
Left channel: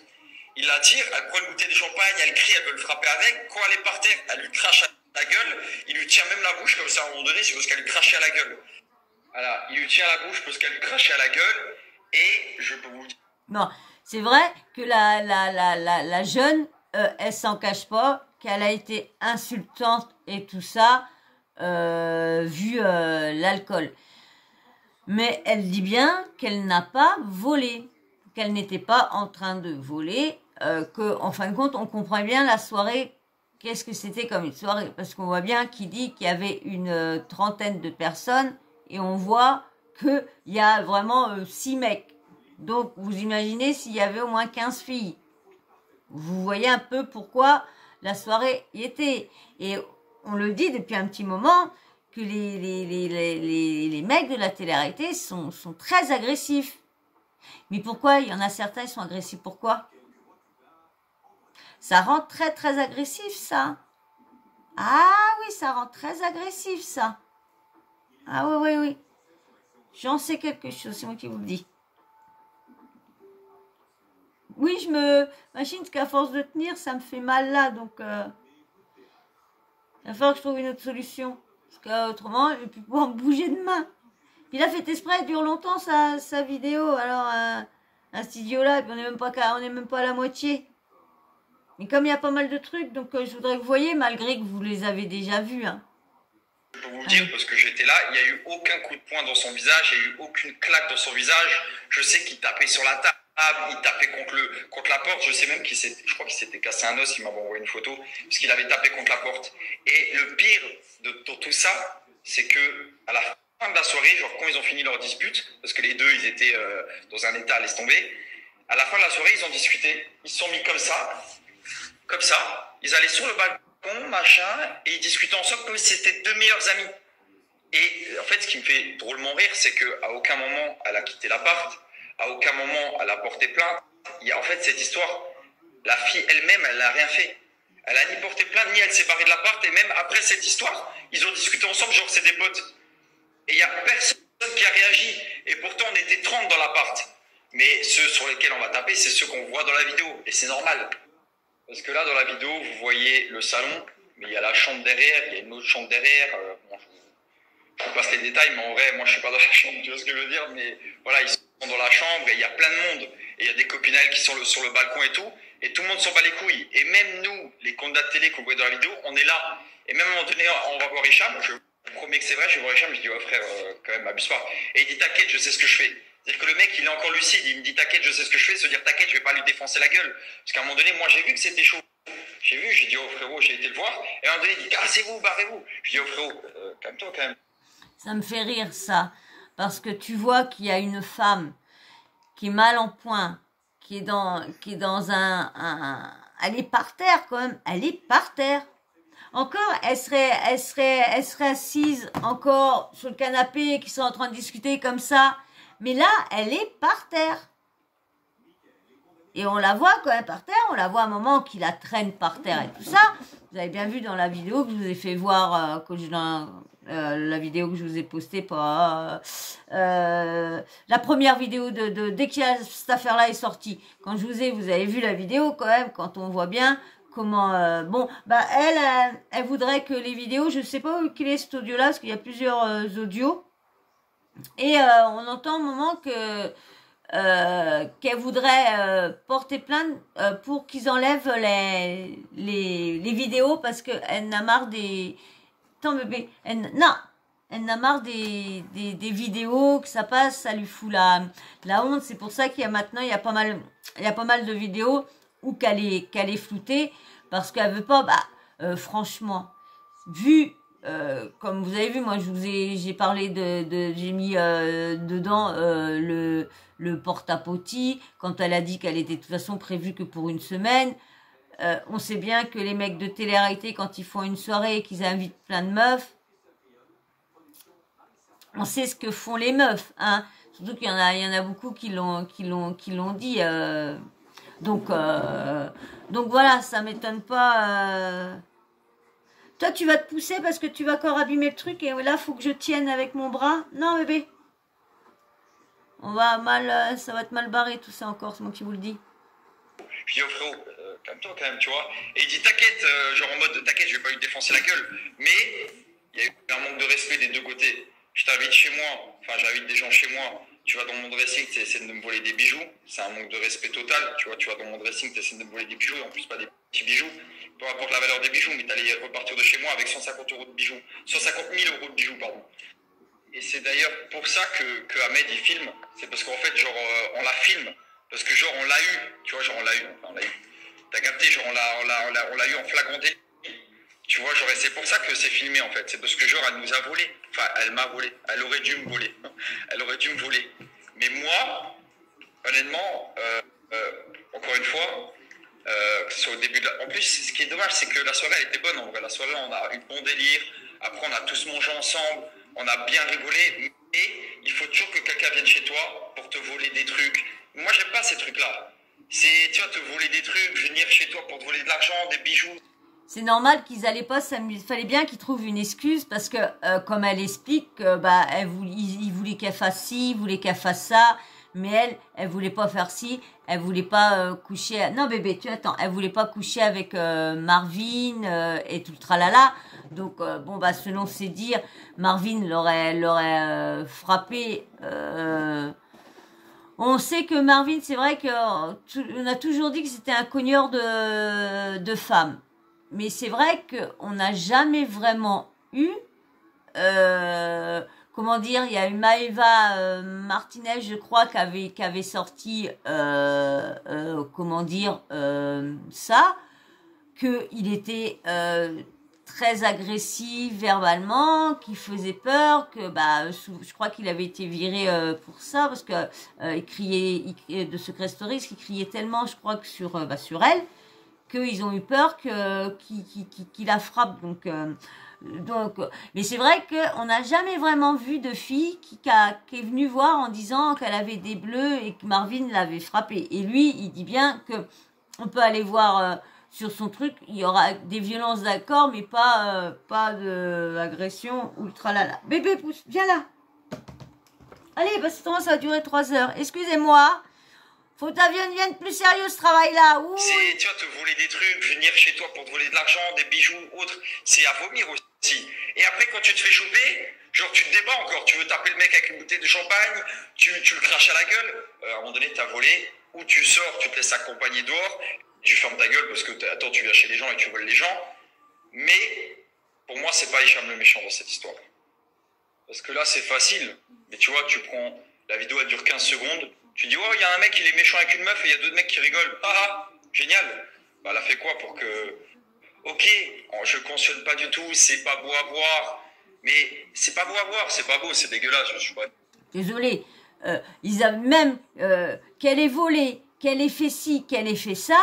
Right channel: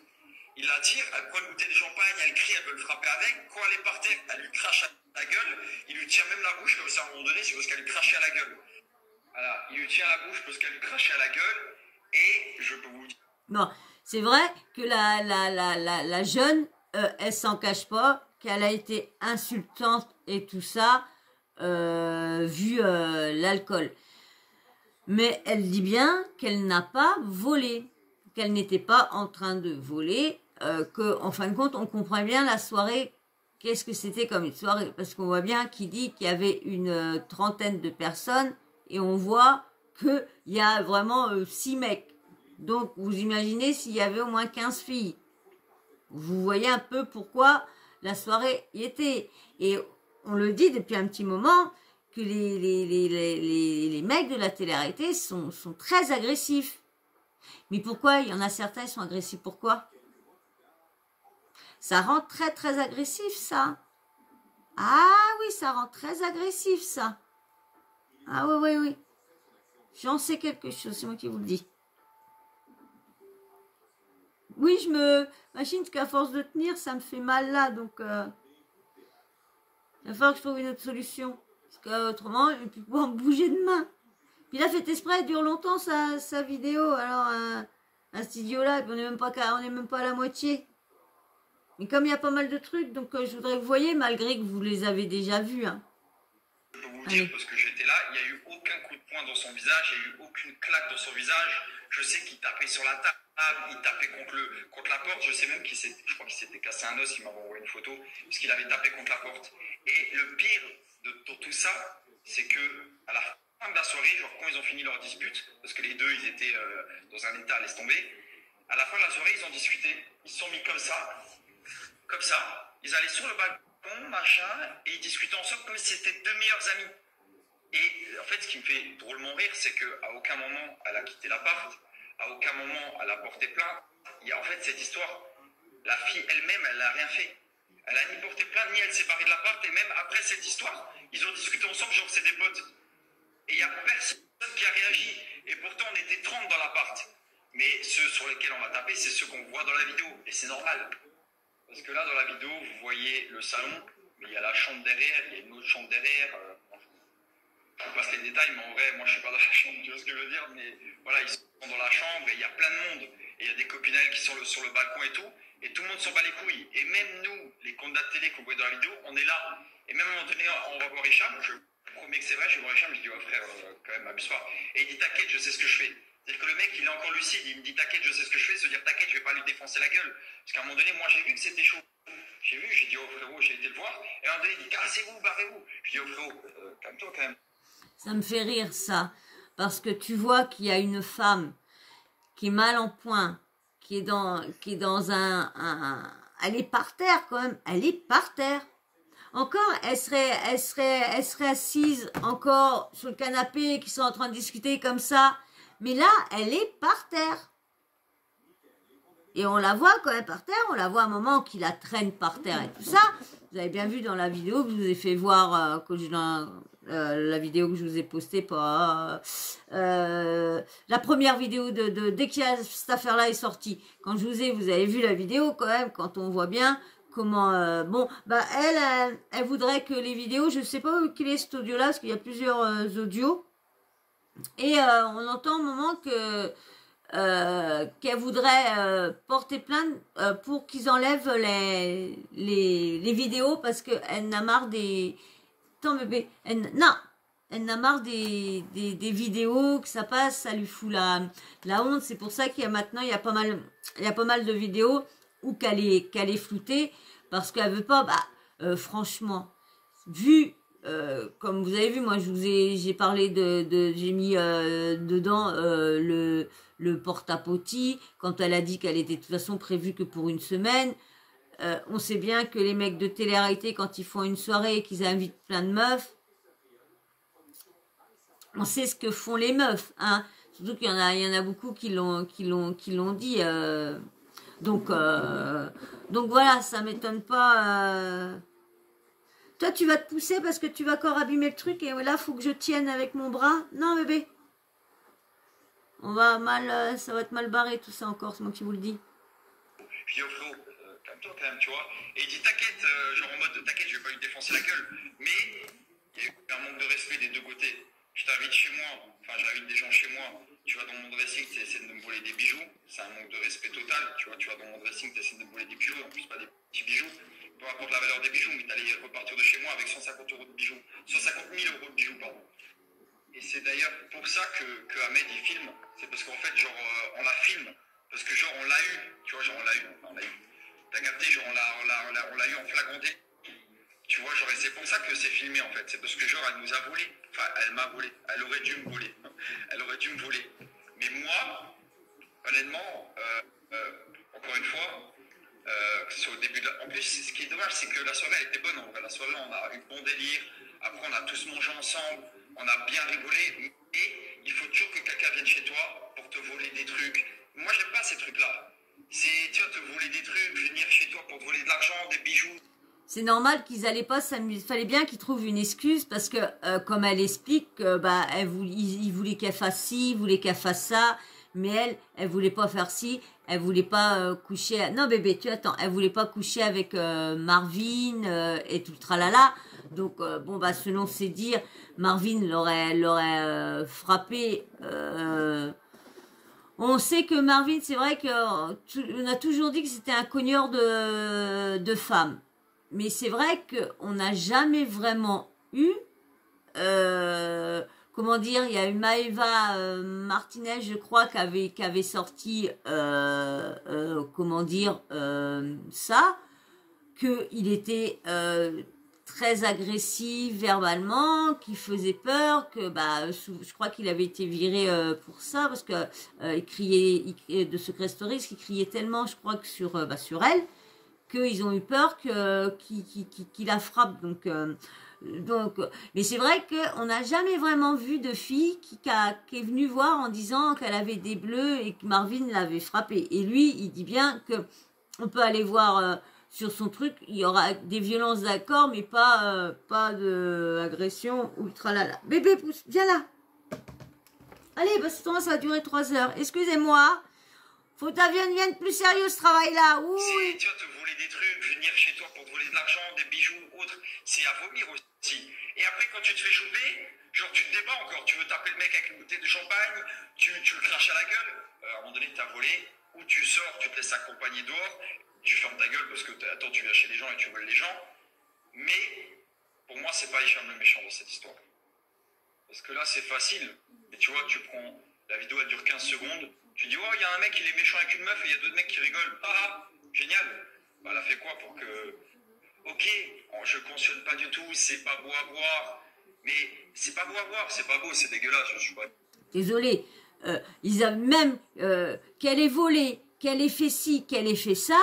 Il la tire, elle prend une bouteille de champagne, elle crie, elle veut le frapper avec. Quand elle est par terre, elle lui crache à la gueule. Il lui tient même la bouche, comme ça à un moment donné, c'est parce qu'elle lui crachait à la gueule. Voilà, il lui tient la bouche parce qu'elle lui crachait à la gueule. Et je peux vous dire... Non, c'est vrai que la jeune, elle s'en cache pas, qu'elle a été insultante et tout ça, vu l'alcool. Mais elle dit bien qu'elle n'a pas volé, qu'elle n'était pas en train de voler, qu'en fin de compte, on comprend bien la soirée, qu'est-ce que c'était comme une soirée. Parce qu'on voit bien qu'il dit qu'il y avait une trentaine de personnes et on voit qu'il y a vraiment 6 mecs. Donc, vous imaginez s'il y avait au moins 15 filles. Vous voyez un peu pourquoi la soirée y était. Et on le dit depuis un petit moment que les mecs de la télé-réalité sont très agressifs. Mais pourquoi? Il y en a certains, ils sont agressifs. Pourquoi? Ça rend très, très agressif, ça. Ah oui, ça rend très agressif, ça. Ah oui. J'en sais quelque chose, c'est moi qui vous le dis. Oui, je me machine parce qu'à force de tenir, ça me fait mal là. Donc, il va falloir que je trouve une autre solution. Parce qu'autrement, je ne vais plus pouvoir me bouger de main. Puis là, fait exprès, elle dure longtemps sa vidéo. Alors, un studio là, on n'est même pas à la moitié. Mais comme il y a pas mal de trucs, donc je voudrais que vous voyez, malgré que vous les avez déjà vus. Hein. Je peux vous dire, parce que j'étais là, il n'y a eu aucun coup de poing dans son visage, il n'y a eu aucune claque dans son visage. Je sais qu'il tapait sur la table, il tapait contre la porte. Je sais même je crois qu'il s'était cassé un os, il m'avait envoyé une photo, parce qu'il avait tapé contre la porte. Et le pire de tout ça, c'est que à la fin de la soirée, genre quand ils ont fini leur dispute, parce que les deux, ils étaient dans un état, laisse tomber, à la fin de la soirée, ils ont discuté. Ils se sont mis comme ça, ils allaient sur le balcon, machin, et ils discutaient ensemble comme si c'était deux meilleurs amis. Et en fait, ce qui me fait drôlement rire, c'est qu'à aucun moment, elle a quitté l'appart, à aucun moment, elle a porté plainte. Il y a en fait cette histoire, la fille elle-même, elle n'a rien fait. Elle a ni porté plainte, ni elle s'est barrée de l'appart, et même après cette histoire, ils ont discuté ensemble, genre c'est des potes. Et il n'y a personne qui a réagi. Et pourtant, on était 30 dans l'appart. Mais ceux sur lesquels on va taper, c'est ceux qu'on voit dans la vidéo. Et c'est normal. Parce que là, dans la vidéo, vous voyez le salon, mais il y a la chambre derrière, il y a une autre chambre derrière. Bon, je vous passe les détails, mais en vrai, moi, je suis pas dans la chambre, tu vois ce que je veux dire. Mais voilà, ils sont dans la chambre et il y a plein de monde. Et il y a des copines à elles qui sont sur le balcon et tout. Et tout le monde s'en bat les couilles. Et même nous, les candidats de télé qu'on voit dans la vidéo, on est là. Et même à un moment donné, on va voir Hicham. Je promets que c'est vrai, je vais voir Hicham. Je dis, ouais, frère, quand même, abuse pas. Et il dit, t'inquiète, je sais ce que je fais. C'est-à-dire que le mec, il est encore lucide. Il me dit, t'inquiète, je sais ce que je fais. Se dire, t'inquiète, je vais pas lui défoncer la gueule. Parce qu'à un moment donné, moi, j'ai vu que c'était chaud. J'ai dit, oh frérot, j'ai été le voir. Et à un moment donné, il dit, cassez-vous, barrez-vous. Je dis, oh frérot, calme-toi quand même. Ça me fait rire, ça. Parce que tu vois qu'il y a une femme qui est mal en point, qui est dans elle est par terre quand même. Elle est par terre. Encore, elle serait assise encore sur le canapé, qui sont en train de discuter comme ça. Mais là, elle est par terre. Et on la voit quand même par terre. On la voit à un moment qui la traîne par terre et tout ça. Vous avez bien vu dans la vidéo que je vous ai fait voir, la vidéo que je vous ai postée, la première vidéo dès que cette affaire-là est sortie. Quand vous avez vu la vidéo quand même, quand on voit bien comment, elle voudrait que les vidéos, je sais pas où quel est cet audio-là, parce qu'il y a plusieurs audios, et on entend au moment qu'elle voudrait porter plainte pour qu'ils enlèvent les vidéos, parce qu'elle n'a marre des... Attends bébé, elle n'a marre des vidéos que ça passe, ça lui fout la honte. C'est pour ça qu'il y a maintenant, il y a pas mal de vidéos où qu'elle est floutée, parce qu'elle veut pas, franchement, vu, comme vous avez vu, moi j'ai parlé j'ai mis dedans le porte-à-potty, quand elle a dit qu'elle était de toute façon prévue que pour une semaine. On sait bien que les mecs de télé-réalité, quand ils font une soirée et qu'ils invitent plein de meufs, on sait ce que font les meufs, hein. Surtout qu'il y en a beaucoup qui l'ont dit. Donc voilà, ça m'étonne pas. Toi, tu vas te pousser parce que tu vas encore abîmer le truc et là, faut que je tienne avec mon bras. Non, bébé. Ça va être mal barré tout ça encore, c'est moi qui vous le dis. Je dis, oh frérot, calme-toi quand même, tu vois. Et il dit, t'inquiète, genre en mode, t'inquiète, je vais pas lui défoncer la gueule. Mais il y a eu un manque de respect des deux côtés. Je t'invite chez moi, j'invite des gens chez moi. Tu vas dans mon dressing, tu essaies de me voler des bijoux. C'est un manque de respect total. Tu vois, tu vas dans mon dressing, tu essaies de me voler des bijoux. En plus, pas des petits bijoux. Peu importe la valeur des bijoux, mais t'allais repartir de chez moi avec 150 € de bijoux. 150 000 € de bijoux, pardon. Et c'est d'ailleurs pour ça que Ahmed, il filme. C'est parce qu'en fait, genre, on la filme. Parce que genre, on l'a eu. Tu vois, genre, on l'a eu. T'as capté, genre, on l'a eu en flagrant délit. Tu vois, genre, et c'est pour ça que c'est filmé, en fait. C'est parce que, genre, elle nous a volé. Enfin, elle m'a volé. Elle aurait dû me voler. Elle aurait dû me voler. Mais moi, honnêtement, encore une fois, c'est au début de En plus, ce qui est dommage, c'est que la soirée, elle était bonne, en vrai. La soirée, on a eu bon délire. Après, on a tous mangé ensemble. On a bien rigolé. Mais il faut toujours que quelqu'un vienne chez toi pour te voler des trucs. Moi, j'aime pas ces trucs-là. C'est, tu vois, te voler des trucs, venir chez toi pour te voler de l'argent, des bijoux. C'est normal qu'ils allaient pas s'amuser. Il fallait bien qu'ils trouvent une excuse parce que, comme elle explique, il voulait qu'elle fasse ci, il voulait qu'elle fasse ça, mais elle voulait pas faire ci, elle voulait pas coucher. Non bébé, tu attends, elle voulait pas coucher avec Marvin et tout le tralala. Donc selon ses dires, Marvin l'aurait frappé. On sait que Marvin, c'est vrai qu'on a toujours dit que c'était un cogneur de femmes. Mais c'est vrai qu'on n'a jamais vraiment eu, comment dire, il y a eu Maëva Martinez, je crois, qui avait sorti, comment dire, ça, qu'il était très agressif verbalement, qui faisait peur, que bah je crois qu'il avait été viré pour ça parce que de Secret Stories, qui criait tellement, je crois que sur elle, qu'ils ont eu peur qu'il la frappe. Donc, mais c'est vrai qu'on n'a jamais vraiment vu de fille qui est venue voir en disant qu'elle avait des bleus et que Marvin l'avait frappée. Et lui, il dit bien que on peut aller voir sur son truc, il y aura des violences d'accord, mais pas d'agression ultra lala. Bébé, pousse, viens là. Allez, parce que ça va durer 3 heures. Excusez-moi. Faut que tu deviennes plus sérieux ce travail-là. C'est, tu vois, te voler des trucs, venir chez toi pour te voler de l'argent, des bijoux, autres, c'est à vomir aussi. Et après, quand tu te fais choper, genre tu te débats encore, tu veux taper le mec avec une bouteille de champagne, tu le craches à la gueule, à un moment donné, t'as volé, ou tu sors, tu te laisses accompagner dehors, tu fermes ta gueule parce que, attends, tu viens chez les gens et tu voles les gens. Mais, pour moi, c'est pas Hicham le méchant dans cette histoire. Parce que là, c'est facile. Mais tu vois, tu prends, la vidéo, elle dure 15 secondes, tu dis, oh, il y a un mec, il est méchant avec une meuf et il y a d'autres mecs qui rigolent. Ah, génial. Bah, elle a fait quoi pour que... Ok, je cautionne pas du tout, c'est pas beau à voir. Mais c'est pas beau à voir, c'est pas beau, c'est dégueulasse. Je suis pas... Désolé. Ils avaient même qu'elle ait volé, qu'elle ait fait ci, qu'elle ait fait ça.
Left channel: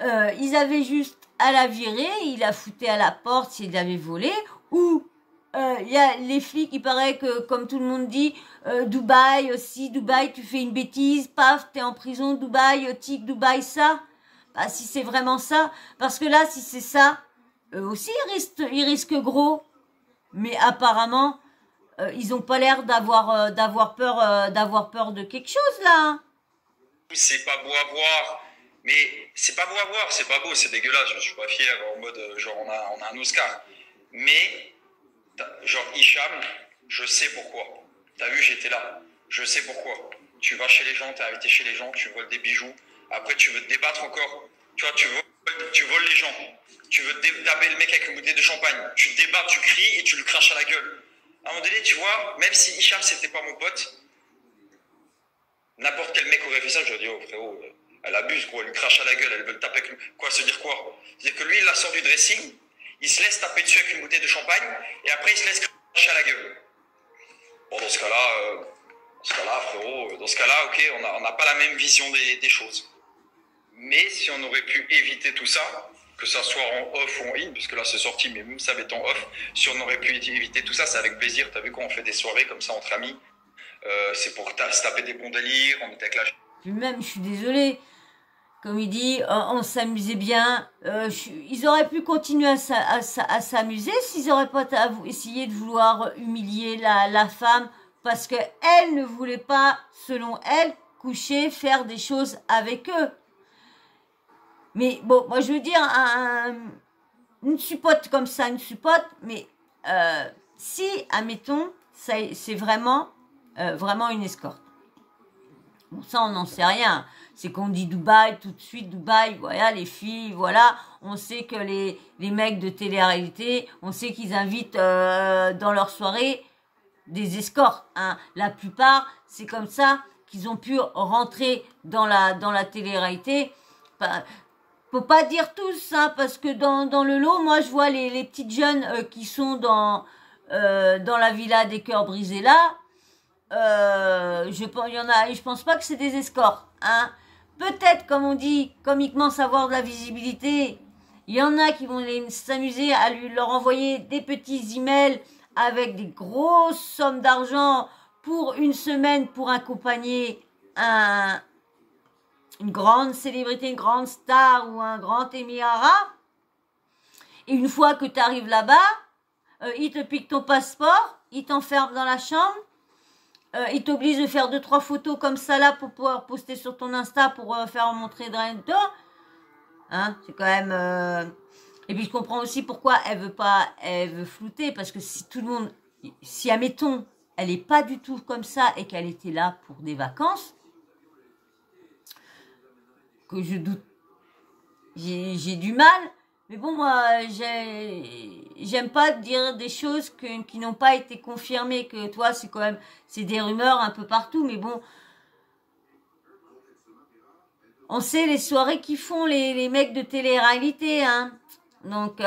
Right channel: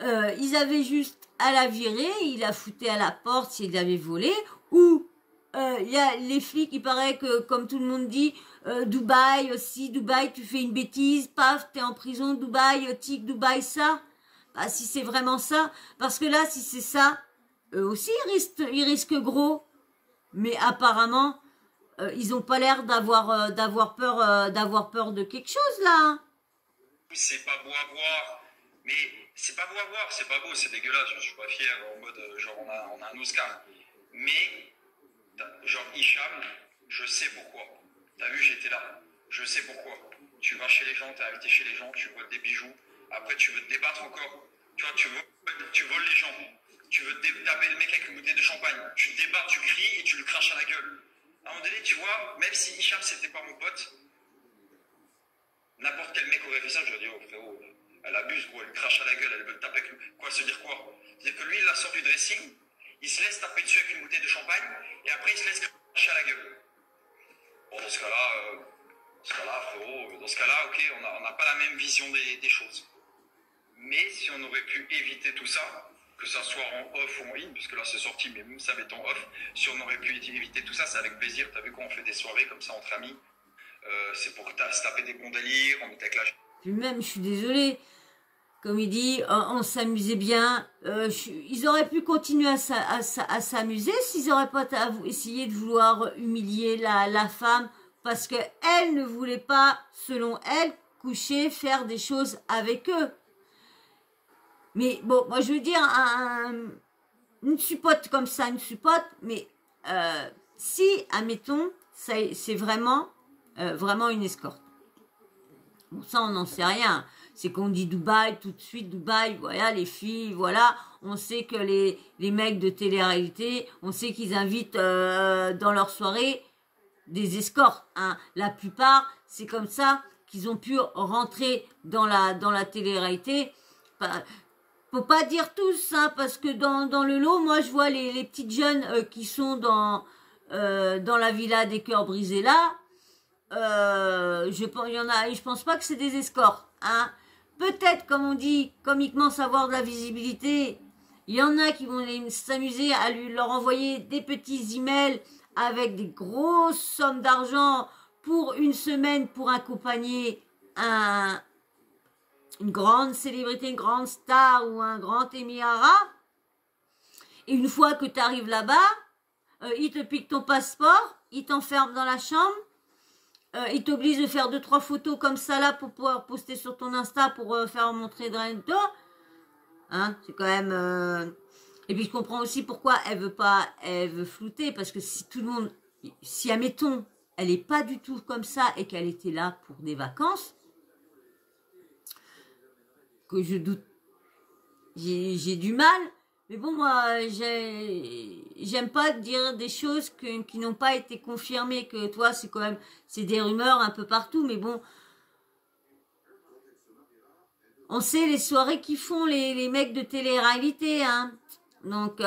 Ils avaient juste à la virer, il la foutait à la porte s'il avait volé. Ou il y a les flics, il paraît que, comme tout le monde dit, Dubaï aussi, Dubaï, tu fais une bêtise, paf, t'es en prison, Dubaï, tic, Dubaï, ça. Bah, si c'est vraiment ça, parce que là, si c'est ça, eux aussi, ils risquent gros. Mais apparemment, ils n'ont pas l'air d'avoir peur de quelque chose, là. C'est pas beau à voir, mais c'est pas beau à voir, c'est pas beau, c'est dégueulasse, je suis pas fier, en mode, genre, on a un Oscar. Mais... genre Hicham, je sais pourquoi. T'as vu, j'étais là. Je sais pourquoi. Tu vas chez les gens, t'es invité chez les gens, tu voles des bijoux. Après, tu veux te débattre encore. Tu vois, tu voles les gens. Tu veux taper le mec avec une bouteille de champagne. Tu te débats, tu cries et tu lui craches à la gueule. À un moment donné, tu vois, même si Hicham, c'était pas mon pote, n'importe quel mec aurait fait ça, je lui dis, oh frérot, elle abuse, gros, elle lui crache à la gueule, elle veut le taper avec lui. Quoi, se dire quoi? C'est-à-dire que lui, il la sort du dressing, il se laisse taper dessus avec une bouteille de champagne, et après il se laisse cracher à la gueule. Bon, dans ce cas-là, frérot, dans ce cas-là, ok, on n'a pas la même vision des choses. Mais si on aurait pu éviter tout ça, que ça soit en off ou en in, puisque là c'est sorti, mais même ça va être en off, si on aurait pu éviter tout ça, c'est avec plaisir. T'as vu quand on fait des soirées comme ça entre amis, c'est pour se taper des bons délires, on était avec la... Puis même, je suis désolée. Comme il dit, on s'amusait bien. Ils auraient pu continuer à s'amuser s'ils n'auraient pas essayé de vouloir humilier la femme parce qu'elle ne voulait pas, selon elle, coucher, faire des choses avec eux. Mais bon, moi je veux dire, une suppote comme ça, une suppote, mais si, admettons, c'est vraiment une escorte. Bon, ça, on n'en sait rien. C'est qu'on dit Dubaï, tout de suite, Dubaï, voilà, les filles, voilà. On sait que les mecs de télé-réalité, on sait qu'ils invitent dans leur soirée des escortes. Hein. La plupart, c'est comme ça qu'ils ont pu rentrer dans la télé-réalité. Faut pas dire tous, hein, parce que dans le lot, moi, je vois les petites jeunes qui sont dans la villa des cœurs brisés là. Je pense pas que c'est des escortes, hein. Peut-être, comme on dit, comiquement savoir de la visibilité. Il y en a qui vont s'amuser à leur envoyer des petits emails avec des grosses sommes d'argent pour une semaine pour accompagner une grande célébrité, une grande star ou un grand émirat. Et une fois que tu arrives là-bas, ils te piquent ton passeport, ils t'enferment dans la chambre. Il t'oblige de faire 2-3 photos comme ça là pour pouvoir poster sur ton Insta pour faire montrer de rien de toi. Hein, c'est quand même... Et puis je comprends aussi pourquoi elle veut flouter, parce que si tout le monde... Si, admettons, elle n'est pas du tout comme ça et qu'elle était là pour des vacances, que je doute... J'ai du mal... Mais bon, moi, j'aime pas dire des choses qui n'ont pas été confirmées, que toi, c'est quand même, c'est des rumeurs un peu partout, mais bon, on sait les soirées qu'ils font les mecs de télé-réalité, hein. Donc,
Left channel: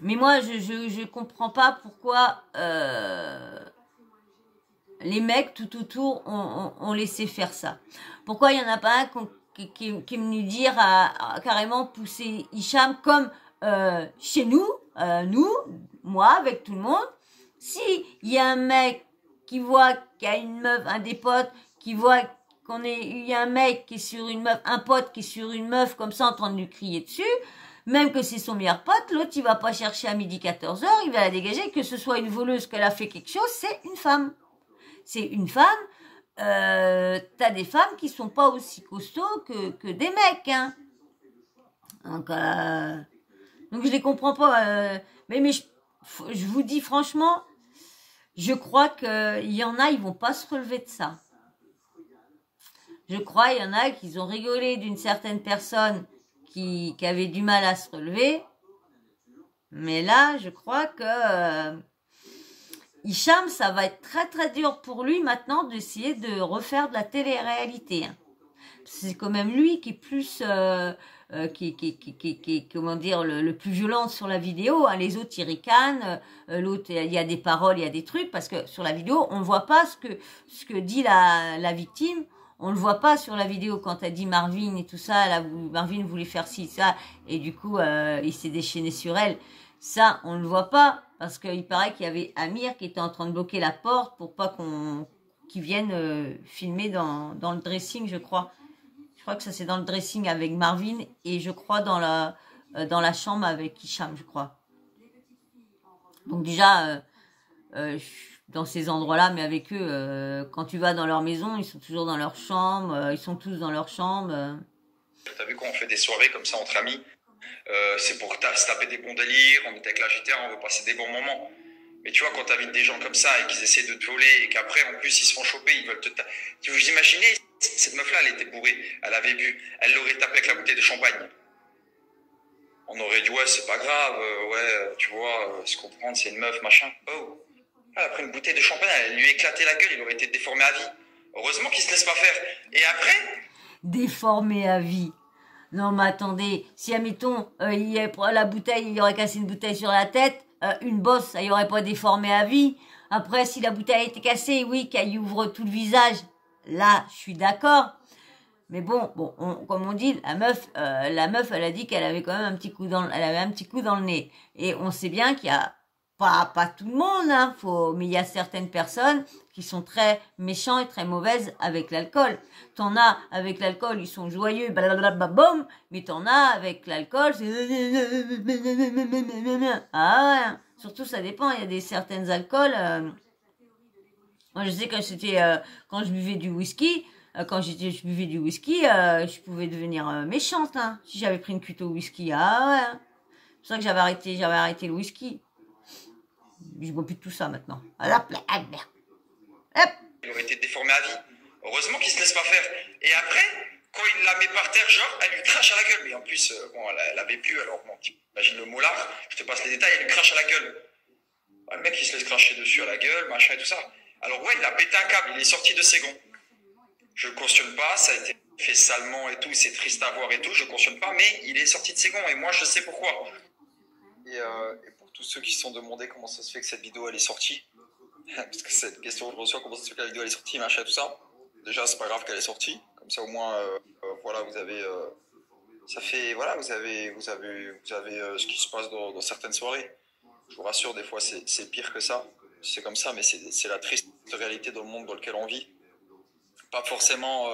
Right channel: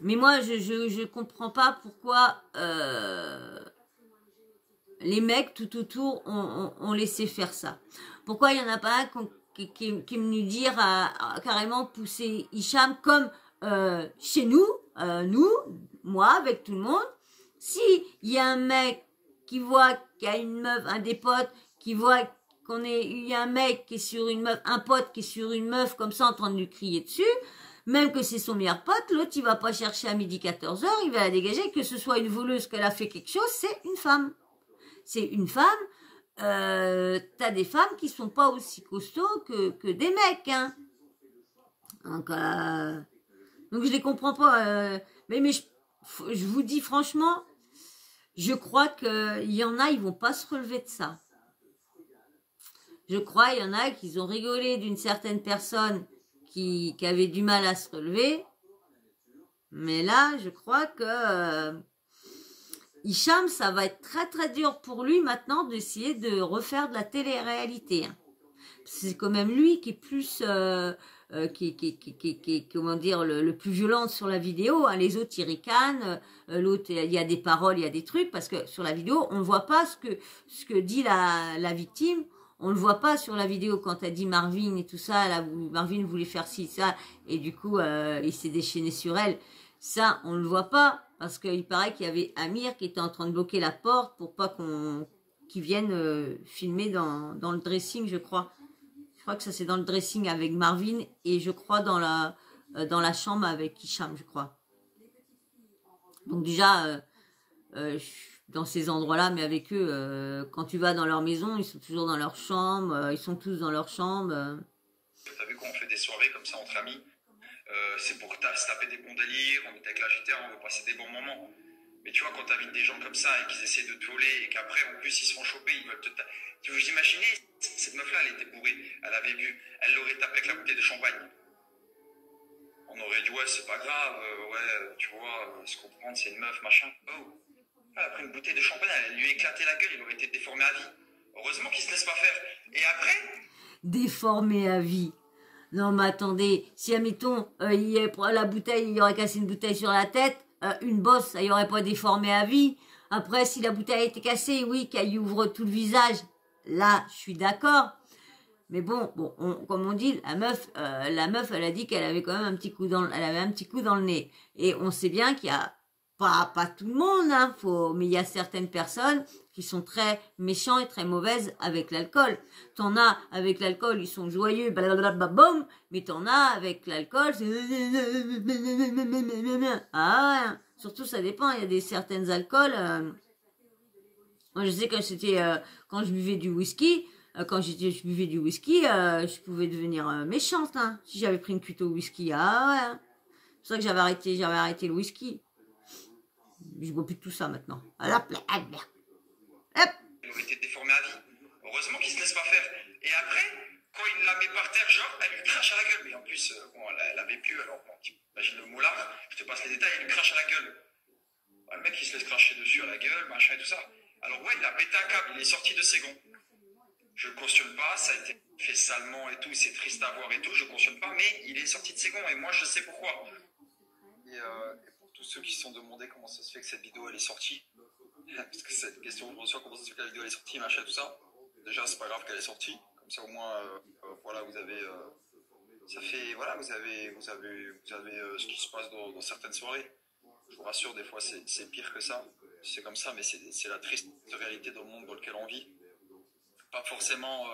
Mais moi, je comprends pas pourquoi les mecs tout autour ont laissé faire ça. Pourquoi il y en a pas un qui est venu dire à carrément pousser Hicham comme chez nous, moi avec tout le monde. Si il y a un mec qui voit qu'il y a une meuf, un des potes, qui voit il y a un mec qui est sur une meuf, un pote qui est sur une meuf comme ça en train de lui crier dessus, même que c'est son meilleur pote, l'autre il va pas chercher à midi 14h, il va la dégager, que ce soit une voleuse qu'elle a fait quelque chose, c'est une femme. C'est une femme, t'as des femmes qui sont pas aussi costauds que des mecs, hein. Donc je les comprends pas, mais je vous dis franchement, je crois qu'il y en a, ils vont pas se relever de ça. Je crois, il y en a qui ont rigolé d'une certaine personne qui avait du mal à se relever. Mais là, je crois que Hicham, ça va être très très dur pour lui maintenant d'essayer de refaire de la télé-réalité. Hein. C'est quand même lui qui est plus... qui comment dire le plus violent sur la vidéo, hein. Les autres ils ricanent, l'autre il y a des paroles, il y a des trucs parce que sur la vidéo on ne voit pas ce que dit la victime, on le voit pas sur la vidéo quand elle dit Marvin et tout ça, là, Marvin voulait faire ci ça et du coup il s'est déchaîné sur elle, ça on le voit pas parce qu'il paraît qu'il y avait Amir qui était en train de bloquer la porte pour pas qu'il vienne filmer dans le dressing, je crois. Je crois que ça c'est dans le dressing avec Marvin et je crois dans la chambre avec Hicham, je crois. Donc déjà, dans ces endroits-là, mais avec eux, quand tu vas dans leur maison, ils sont toujours dans leur chambre, ils sont tous dans leur chambre. T'as vu quand on fait des soirées comme ça entre amis, c'est pour se taper des bons délires, on est avec la GTA, on veut passer des bons moments. Mais tu vois, quand t'invites des gens comme ça et qu'ils essaient de te voler et qu'après, en plus, ils se font choper, ils veulent te... Vous imaginez, cette meuf-là, elle était bourrée, elle avait bu, elle l'aurait tapé avec la bouteille de champagne. On aurait dit, ouais, c'est pas grave, ouais, tu vois, se comprendre, c'est une meuf, machin. Oh, elle a pris une bouteille de champagne, elle lui a éclaté la gueule, il aurait été déformé à vie. Heureusement qu'il se laisse pas faire. Et après... Déformé à vie. Non, mais attendez, si, admettons, la bouteille, il aurait cassé une bouteille sur la tête, une bosse, ça y aurait pas déformé à vie. Après, si la bouteille était cassée, oui, qu'elle y ouvre tout le visage, là, je suis d'accord. Mais bon, comme on dit, la meuf, elle a dit qu'elle avait quand même un petit coup dans le nez. Et on sait bien qu'il y a pas tout le monde, hein, mais il y a certaines personnes qui sont très méchants et très mauvaises avec l'alcool. T'en as avec l'alcool, ils sont joyeux, blablabla, mais t'en as avec l'alcool, c'est... Ah ouais, surtout ça dépend, il y a certaines alcools... Moi je sais que quand je buvais du whisky, je buvais du whisky, je pouvais devenir méchante, hein, si j'avais pris une cuite au whisky. Ah ouais, hein. C'est pour ça que j'avais arrêté le whisky. Je bois plus de tout ça maintenant. Hop. Il aurait été déformé à vie. Heureusement qu'il se laisse pas faire. Et après, quand il la met par terre, genre, elle lui crache à la gueule. Mais en plus, bon, elle avait pu, alors bon, t'imagines le molar, je te passe les détails, elle lui crache à la gueule. Le mec, il se laisse cracher dessus à la gueule, machin et tout ça. Alors ouais, il a pété un câble, il est sorti de ses gonds. Je cautionne pas, ça a été fait salement et tout, c'est triste à voir et tout, je cautionne pas, mais il est sorti de ses gonds et moi je sais pourquoi. Et pour tous ceux qui se sont demandé comment ça se fait que cette vidéo elle est sortie, parce que cette question je reçois, comment ça se fait que la vidéo elle est sortie, machin tout ça. Déjà c'est pas grave qu'elle est sortie, comme ça au moins voilà vous avez ça fait voilà vous avez ce qui se passe dans certaines soirées. Je vous rassure, des fois c'est pire que ça, c'est comme ça, mais c'est la triste réalité dans le monde dans lequel on vit. Pas forcément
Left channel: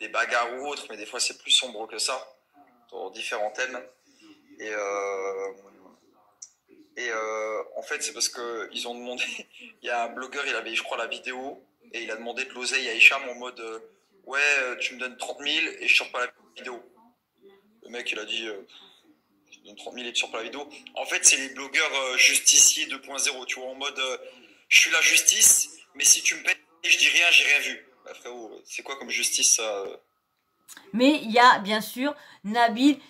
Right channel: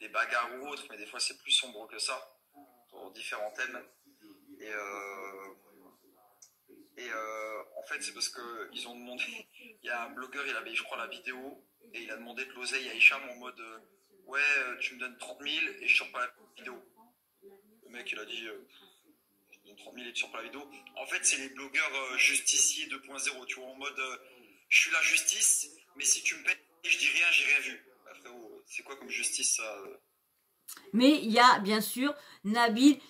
des bagarres ou autres, mais des fois c'est plus sombre que ça, dans différents thèmes. Et en fait, c'est parce qu'ils ont demandé, il y a un blogueur, il avait, je crois, la vidéo, et il a demandé de l'oseille à Hicham en mode ouais, tu me donnes 30 000 et je sors pas la vidéo. Le mec, il a dit je te donne 30 000 et tu sors pas la vidéo. En fait, c'est les blogueurs justiciers 2.0, tu vois, en mode je suis la justice, mais si tu me payes, je dis rien, j'ai rien vu. Bah, frérot, c'est quoi comme justice ça Mais il y a bien sûr Nabil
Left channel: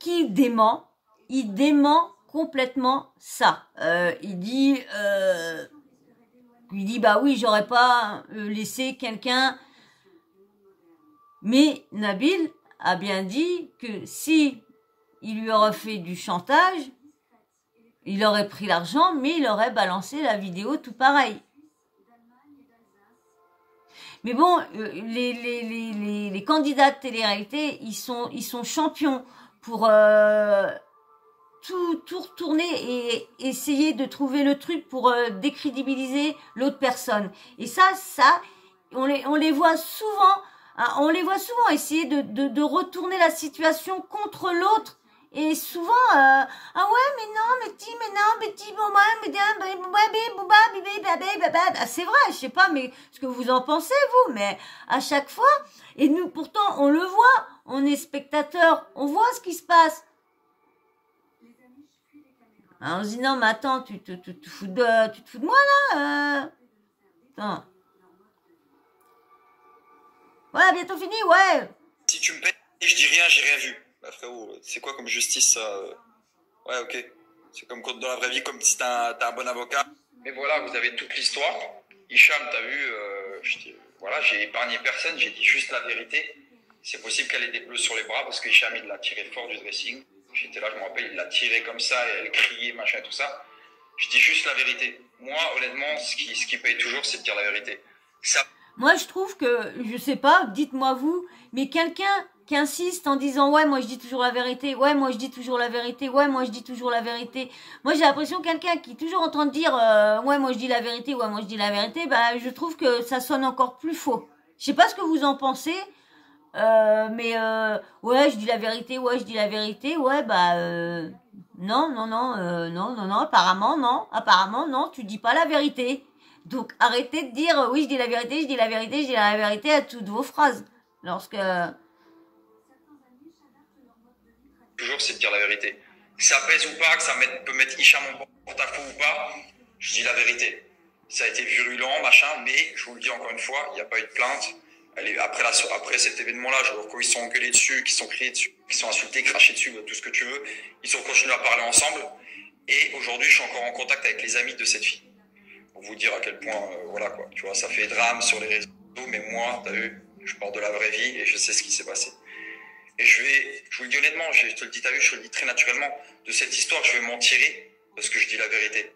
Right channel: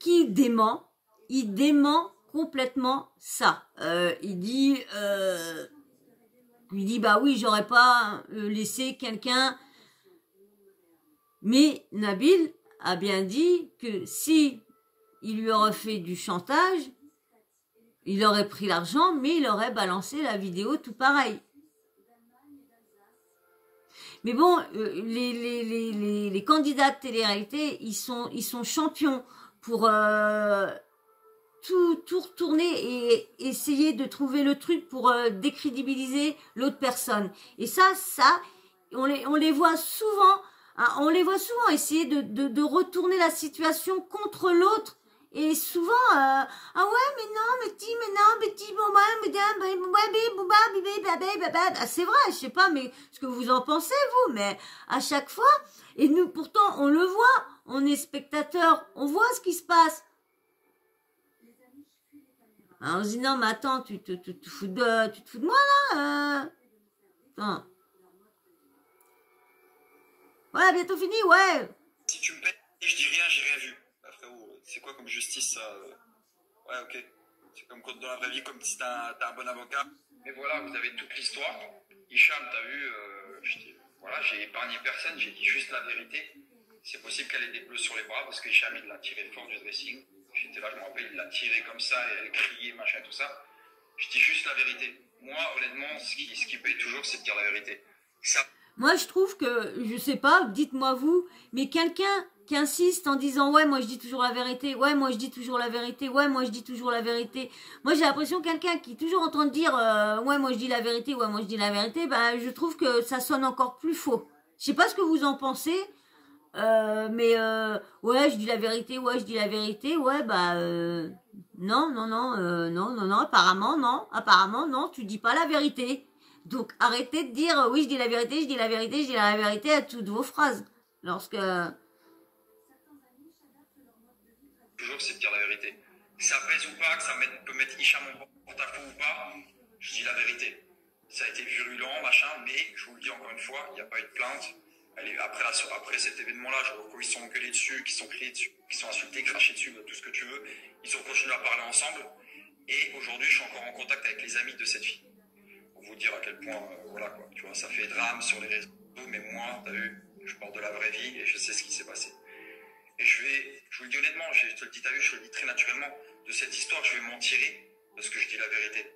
qui dément. Il dément complètement ça. Il dit bah oui, j'aurais pas laissé quelqu'un. Mais Nabil a bien dit que si il lui aurait fait du chantage, Il aurait pris l'argent, mais il aurait balancé la vidéo tout pareil. Mais bon, les candidats de télé-réalité, ils sont champions pour tout retourner et essayer de trouver le truc pour décrédibiliser l'autre personne. Et ça, on les voit souvent, hein, essayer de retourner la situation contre l'autre. Et souvent, ah ouais, mais non, mais dis, bon, c'est vrai, je sais pas, mais ce que vous en pensez, vous, mais à chaque fois, et nous, pourtant, on le voit, on est spectateurs, on voit ce qui se passe. Alors, on se dit, non, mais attends, tu te fous de moi, là, Attends. Ouais, bientôt fini, ouais. Si tu me payes, je dis rien, j'ai rien vu. Bah frérot, c'est quoi comme justice ça Ouais, ok. C'est comme dans la vraie vie, comme si t'as un bon avocat. Mais voilà, vous avez toute l'histoire. Hicham, t'as vu, voilà, j'ai épargné personne, j'ai dit juste la vérité. C'est possible qu'elle ait des bleus sur les bras parce que Hicham, il l'a tiré fort du dressing. J'étais là, je me rappelle, il l'a tiré comme ça et elle criait, machin, tout ça. Je dis juste la vérité. Moi, honnêtement, ce qui paye toujours, c'est de dire la vérité. Ça... Moi, je trouve que, je sais pas, dites-moi vous, mais quelqu'un qui insiste en disant « Ouais, moi, je dis toujours la vérité. Ouais, moi, je dis toujours la vérité. Ouais, moi, je dis toujours la vérité. » Moi, j'ai l'impression que quelqu'un qui est toujours en train de dire « Ouais, moi, je dis la vérité. Ouais, moi, je dis la vérité. » Bah, je trouve que ça sonne encore plus faux. Je sais pas ce que vous en pensez, mais ouais, je dis la vérité. Ouais, je dis la vérité. Ouais, bah, non, apparemment, non, tu dis pas la vérité. Donc, arrêtez de dire, oui, je dis la vérité, je dis la vérité, je dis la vérité à toutes vos phrases. Lorsque... Toujours, c'est de dire la vérité. Que ça pèse ou pas, que ça peut mettre Hicham en porte-à-faux ou pas, je dis la vérité. Ça a été virulent, machin, mais je vous le dis encore une fois, il n'y a pas eu de plainte. Allez, après cet événement-là, je vois qu'ils sont engueulés dessus, qu'ils sont criés dessus, qu'ils sont insultés, crachés dessus, tout ce que tu veux. Ils ont continué à parler ensemble. Et aujourd'hui, je suis encore en contact avec les amis de cette fille. Pour vous dire à quel point, voilà quoi, tu vois, ça fait drame sur les réseaux, mais moi, t'as vu, je parle de la vraie vie et je sais ce qui s'est passé. Et je vous le dis honnêtement, je te le dis, t'as vu, je te le dis très naturellement, de cette histoire, je vais m'en tirer parce que je dis la vérité.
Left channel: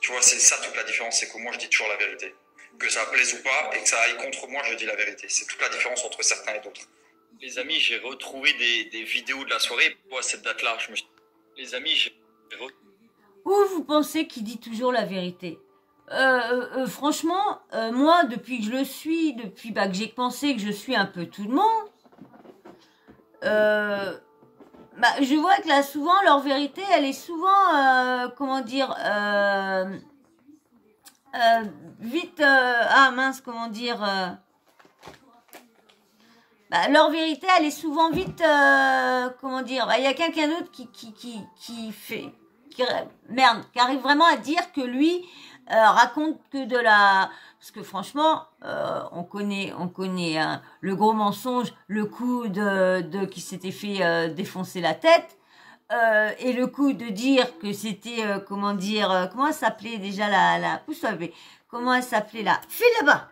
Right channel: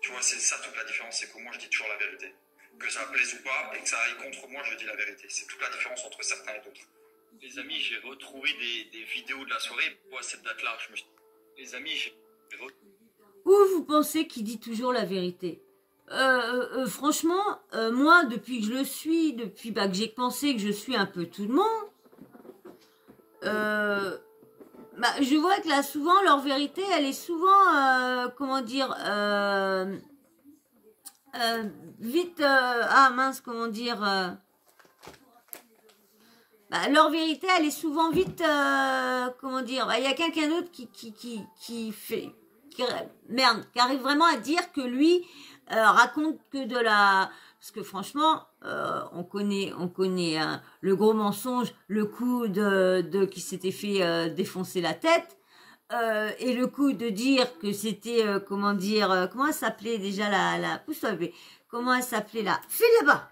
Tu vois, c'est ça toute la différence, c'est que moi, je dis toujours la vérité. Que ça plaise ou pas et que ça aille contre moi, je dis la vérité. C'est toute la différence entre certains et d'autres. Les amis, j'ai retrouvé des vidéos de la soirée. À cette date-là, les amis, j'ai retrouvé... Où vous pensez qu'il dit toujours la vérité? Franchement, moi, depuis que je le suis, depuis que j'ai pensé que je suis un peu tout le monde, je vois que là, souvent, leur vérité, elle est souvent, comment dire, vite, comment dire, leur vérité, elle est souvent vite, comment dire, il y a quelqu'un d'autre qui arrive vraiment à dire que lui raconte que de la... Parce que franchement, on connaît le gros mensonge, le coup qui s'était fait défoncer la tête, et le coup de dire que c'était, comment elle s'appelait déjà pousse-toi bébé, comment elle s'appelait là, file là-bas,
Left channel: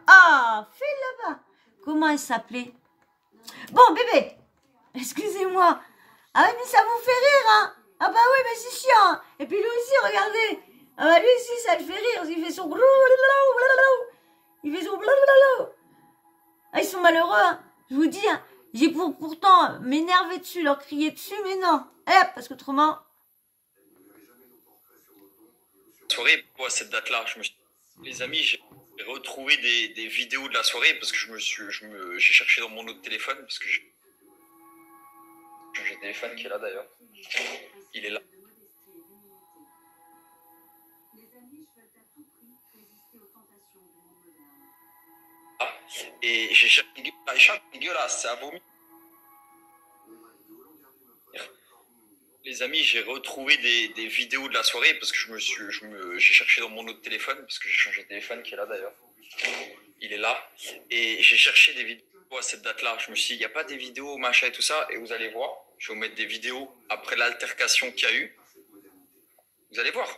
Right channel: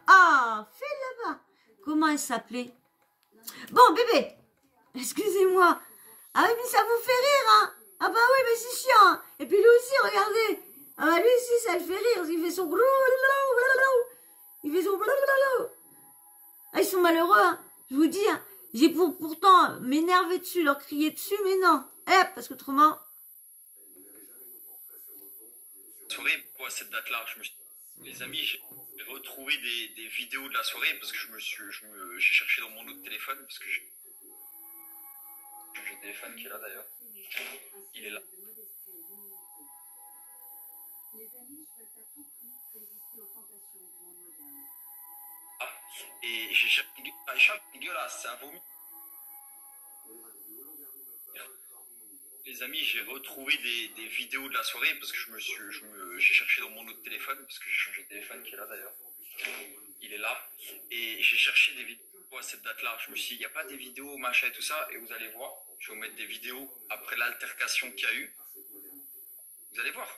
comment elle s'appelait, bon bébé, excusez-moi, ah oui mais ça vous fait rire, hein, ah bah oui mais c'est chiant, hein. Et puis lui aussi regardez, ah bah lui aussi ça le fait rire, il fait son... Ah, ils sont malheureux, hein. Je vous dis, hein. J'ai pourtant m'énerver dessus, leur crier dessus, mais non. Parce qu'autrement... Soirée, à cette date-là, les amis, j'ai retrouvé des vidéos de la soirée parce que j'ai cherché dans mon autre téléphone parce que j'ai un téléphone qui est là d'ailleurs. Il est là. Et j'ai cherché dégueulasse, ça a vomi. Les amis, j'ai retrouvé des vidéos de la soirée parce que j'ai cherché dans mon autre téléphone parce que j'ai changé de téléphone qui est là d'ailleurs. Il est là. Et j'ai cherché des vidéos à cette date-là. Je me suis dit, il n'y a pas des vidéos, machin et tout ça. Et vous allez voir, je vais vous mettre des vidéos après l'altercation qu'il y a eu. Vous allez voir.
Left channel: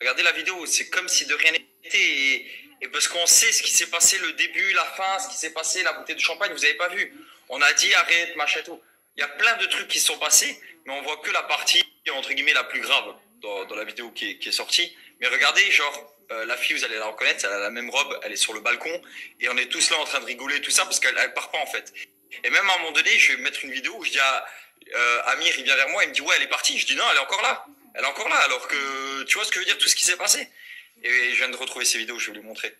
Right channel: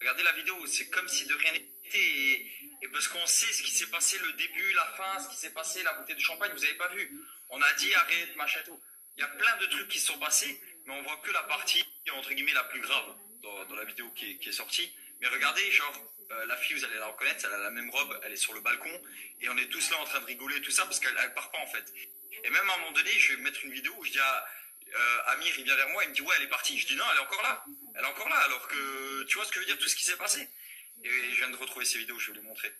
Regardez la vidéo, c'est comme si de rien n'était. Et parce qu'on sait ce qui s'est passé, le début, la fin, ce qui s'est passé, la bouteille de champagne, vous n'avez pas vu. On a dit arrête, machin et tout. Il y a plein de trucs qui se sont passés, mais on voit que la partie, entre guillemets, la plus grave. dans la vidéo qui est sortie. Mais regardez, genre, la fille, vous allez la reconnaître, elle a la même robe, elle est sur le balcon, et on est tous là en train de rigoler, tout ça, parce qu'elle part pas, en fait. Et même à un moment donné, je vais mettre une vidéo où je dis à Amir, il vient vers moi, il me dit, ouais, elle est partie. Je dis, non, elle est encore là. Elle est encore là, alors que, tu vois ce que je veux dire, tout ce qui s'est passé. Et je viens de retrouver ces vidéos, je vais vous les montrer.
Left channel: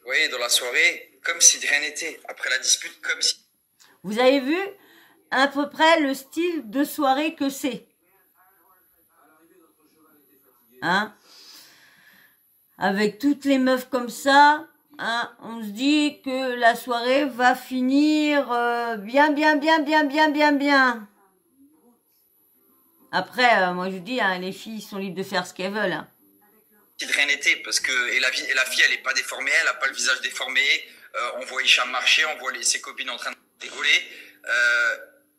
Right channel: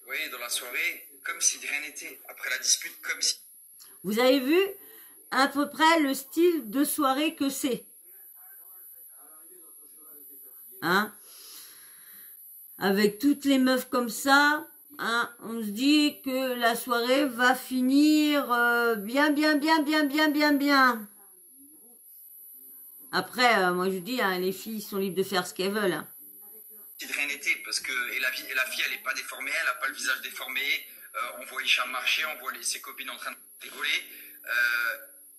Vous voyez, dans la soirée, comme si de rien n'était. Après la dispute, comme si... Vous avez vu à peu près le style de soirée que c'est. Hein? Avec toutes les meufs comme ça, hein, on se dit que la soirée va finir bien. Après, moi je dis, hein, les filles sont libres de faire ce qu'elles veulent. Hein. De rien n'était, parce que et la fille, elle n'est pas déformée, elle n'a pas le visage déformé. On voit Hicham marcher, on voit ses copines en train de rigoler.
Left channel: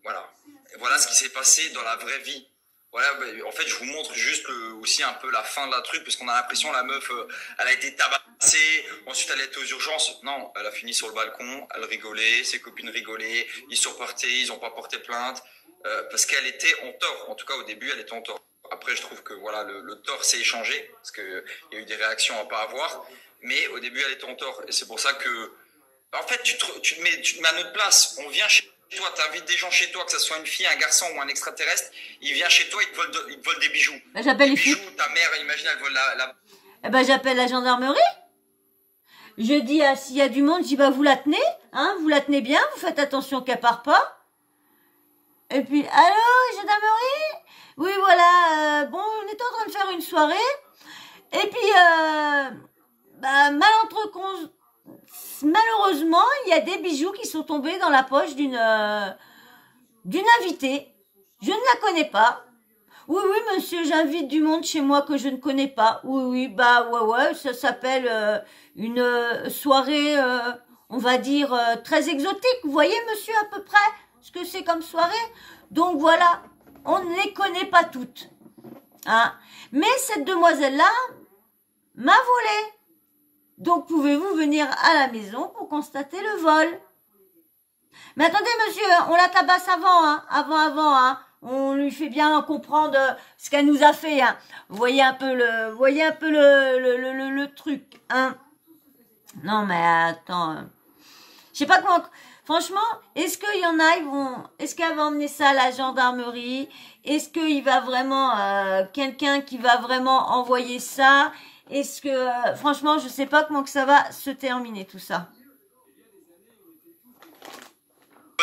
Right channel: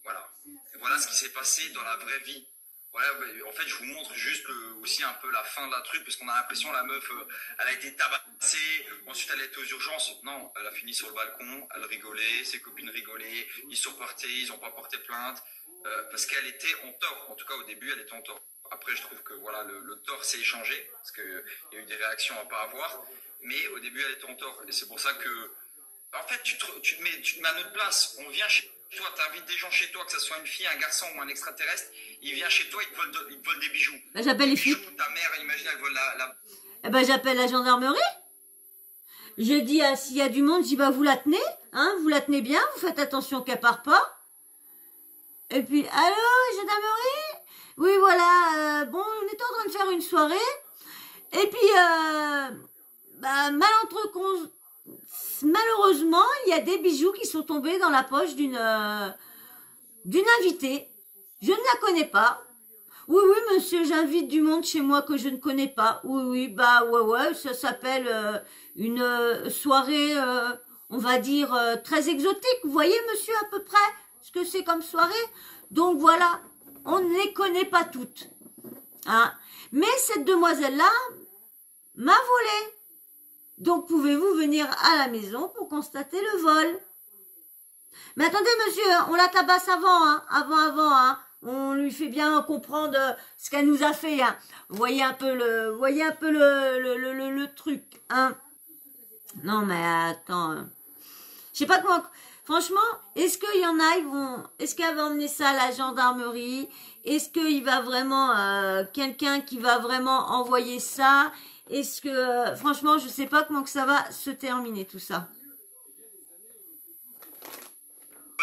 Voilà. Et voilà ce qui s'est passé dans la vraie vie. Voilà, en fait, je vous montre juste aussi un peu la fin de la truc, parce qu'on a l'impression la meuf, elle a été tabassée, ensuite elle était aux urgences. Non, elle a fini sur le balcon, elle rigolait, ses copines rigolaient, ils sont repartis, ils n'ont pas porté plainte, parce qu'elle était en tort. En tout cas, au début, elle était en tort. Après, je trouve que voilà, le tort s'est échangé, parce qu'il y a eu des réactions à pas avoir, mais au début, elle était en tort. Et c'est pour ça que, en fait, tu te mets à notre place. On vient chez toi, tu invites des gens chez toi, que ce soit une fille, un garçon ou un extraterrestre, il vient chez toi, il te vole des bijoux. Ben, j'appelle les filles. Ta mère, imagine, elle vole la... Eh ben, j'appelle la gendarmerie. Je dis, s'il y a du monde, je dis, bah, vous la tenez, hein, vous la tenez bien, vous faites attention qu'elle part pas. Et puis, allô, gendarmerie? Oui, voilà, bon, on était en train de faire une soirée. Et puis, bah, malheureusement, il y a des bijoux qui sont tombés dans la poche d'une invitée. Je ne la connais pas. Oui, monsieur, j'invite du monde chez moi que je ne connais pas. Oui, bah, ouais, ça s'appelle une soirée, on va dire, très exotique. Vous voyez, monsieur, à peu près ce que c'est comme soirée. Donc, voilà, on ne les connaît pas toutes. Hein. Mais cette demoiselle-là m'a volé. Donc, pouvez-vous venir à la maison pour constater le vol? Mais attendez, monsieur, on la tabasse avant, hein, hein. On lui fait bien comprendre ce qu'elle nous a fait, hein. Vous voyez un peu le truc, hein. Non, mais attends. Je sais pas comment... Franchement, est-ce qu'il y en a, est-ce qu'elle va emmener ça à la gendarmerie? Est-ce qu'il va vraiment... quelqu'un qui va vraiment envoyer ça? Est-ce que... franchement, je sais pas comment que ça va se terminer, tout ça.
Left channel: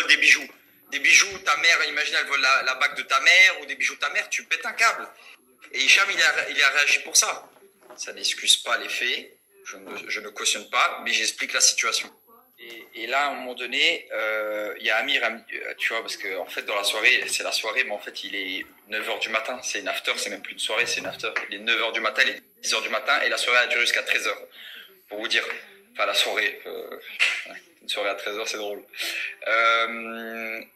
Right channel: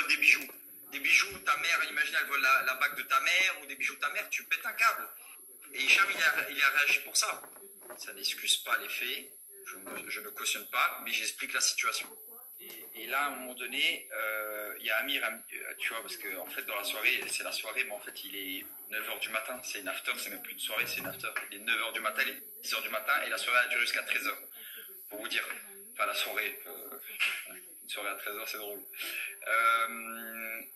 Des bijoux. Des bijoux, ta mère, imagine, elle vole la bague de ta mère, ou des bijoux de ta mère, tu pètes un câble. Et Hicham, il a réagi pour ça. Ça n'excuse pas les faits, je ne cautionne pas, mais j'explique la situation. Et là, à un moment donné, il y a Amir, tu vois, parce qu'en fait, dans la soirée, c'est la soirée, mais en fait, il est 9h du matin, c'est une after, c'est même plus une soirée, c'est une after. Il est 9h du matin, il est 10h du matin, et la soirée a duré jusqu'à 13h. Pour vous dire, enfin, la soirée, une soirée à 13h, c'est drôle.